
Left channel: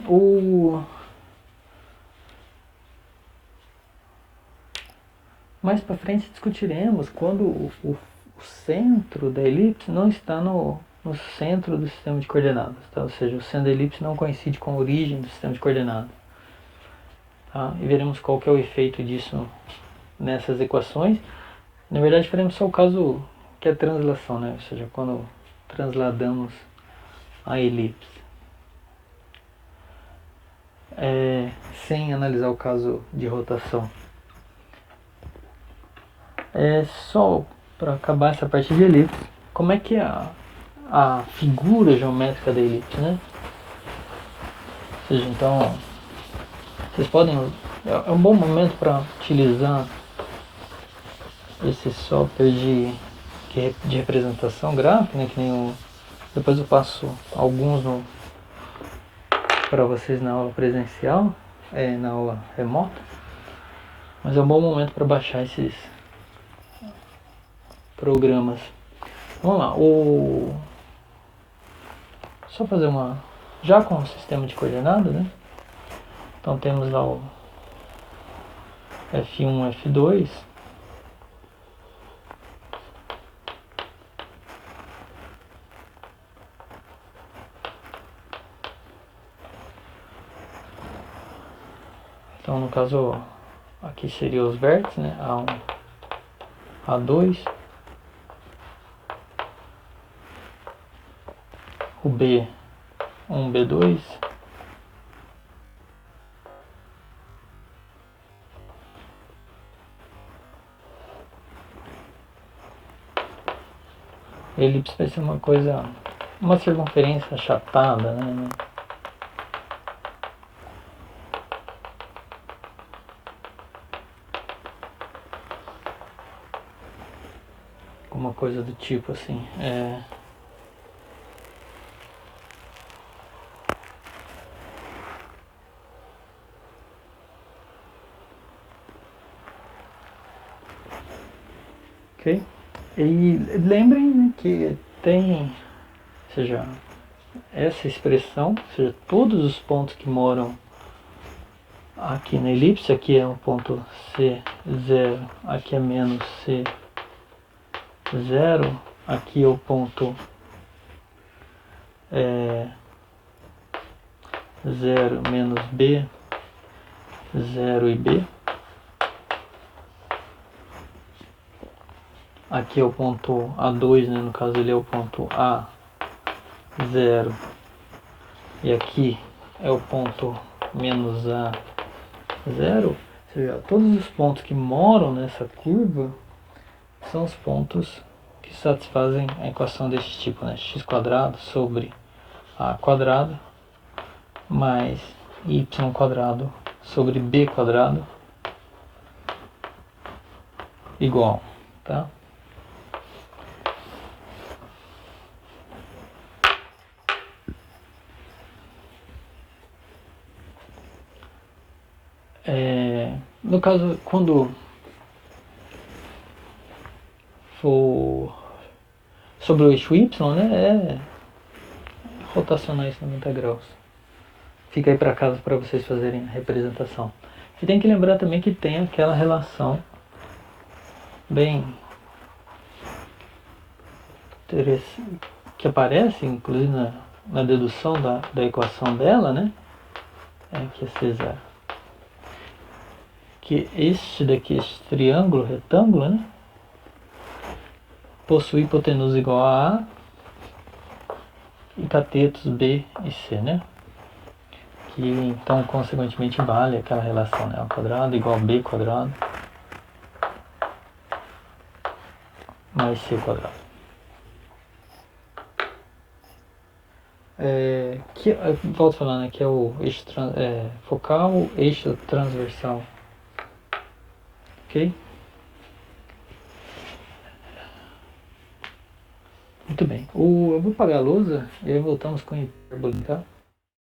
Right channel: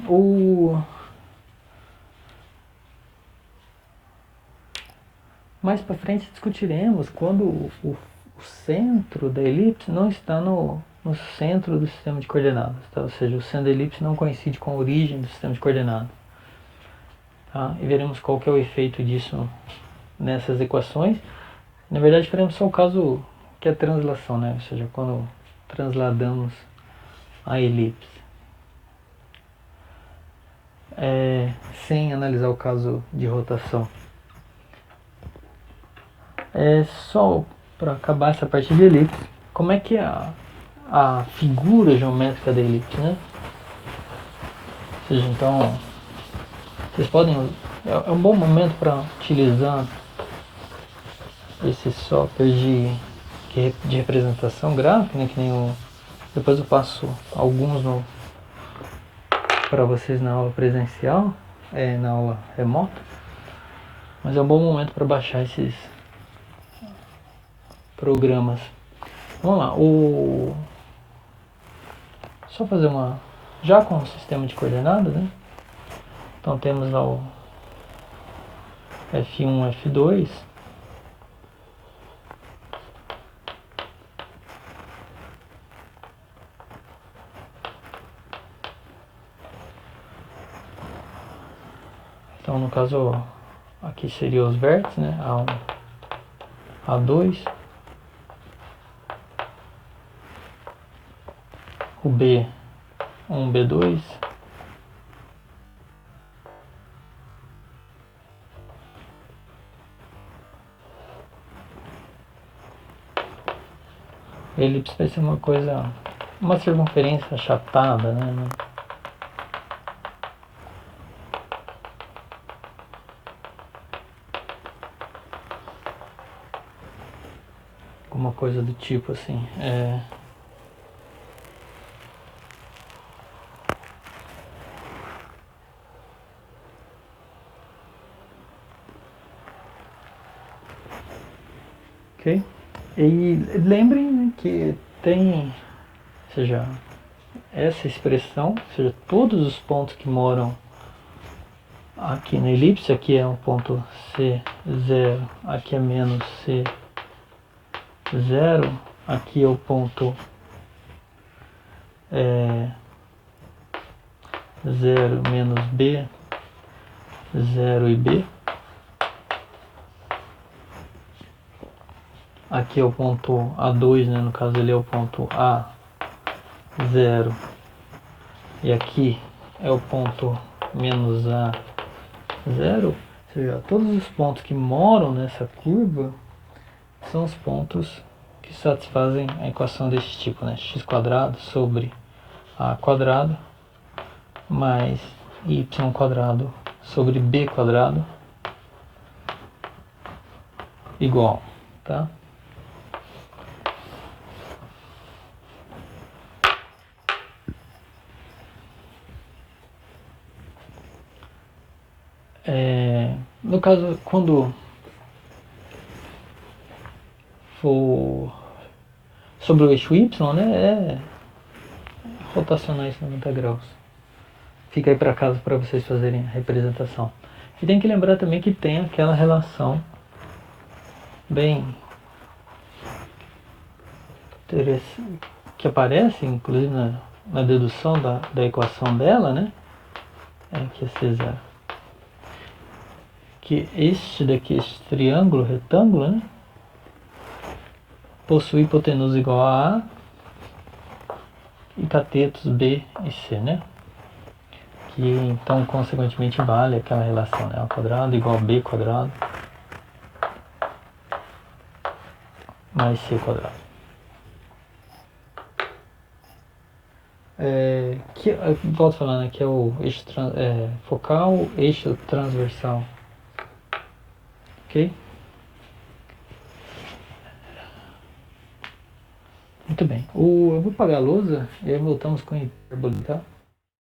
Mais para frente discutiremos quando o centro da elipse não está no centro do sistema de coordenadas, tá? Ou seja, o centro da elipse não coincide com a origem do sistema de coordenadas. Tá? E veremos qual que é o efeito disso nessas equações. Na verdade, faremos só o caso que é a translação, né? Ou seja, quando transladamos a elipse. Sem analisar o caso de rotação. Só para acabar essa parte de elipse, como é que é a figura geométrica da elipse, né? Ou seja, então, vocês podem... É um bom momento para utilizar esse software de representação gráfica, né? Que nem depois eu passo alguns para vocês na aula presencial, na aula remota. Mas é um bom momento para baixar esses programas. Vamos lá, só fazer já com o sistema de coordenadas, né? Então temos lá o F1, F2. Então no caso aqui seriam os vértices, né? A1, A2. O B1, B2. A elipse vai ser uma circunferência achatada, né? Alguma coisa do tipo assim. Ok? E lembrem, né, que tem, ou seja, essa expressão, ou seja, todos os pontos que moram aqui na elipse, aqui é um ponto C0, aqui é menos C0, aqui é o ponto 0, menos B, 0 e B. Aqui é o ponto A2, né? No caso ele é o ponto A0. E aqui é o ponto menos A0. Ou seja, todos os pontos que moram nessa curva são os pontos que satisfazem a equação desse tipo, né? X² sobre A² mais Y² sobre B² igual, tá? No caso, quando for sobre o eixo Y, né, rotacionar 90 graus. Fica aí para casa para vocês fazerem a representação. E tem que lembrar também que tem aquela relação bem interessante, que aparece inclusive na dedução da equação dela, né? Que é C0. Que este daqui, este triângulo retângulo, né, possui hipotenusa igual a A e catetos B e C, né? Que então consequentemente vale aquela relação, né? A² igual a B² mais C². Volto falando, que é o eixo focal, eixo transversal. Ok? Muito bem. Eu vou apagar a lousa e aí voltamos com a hipérbole, tá?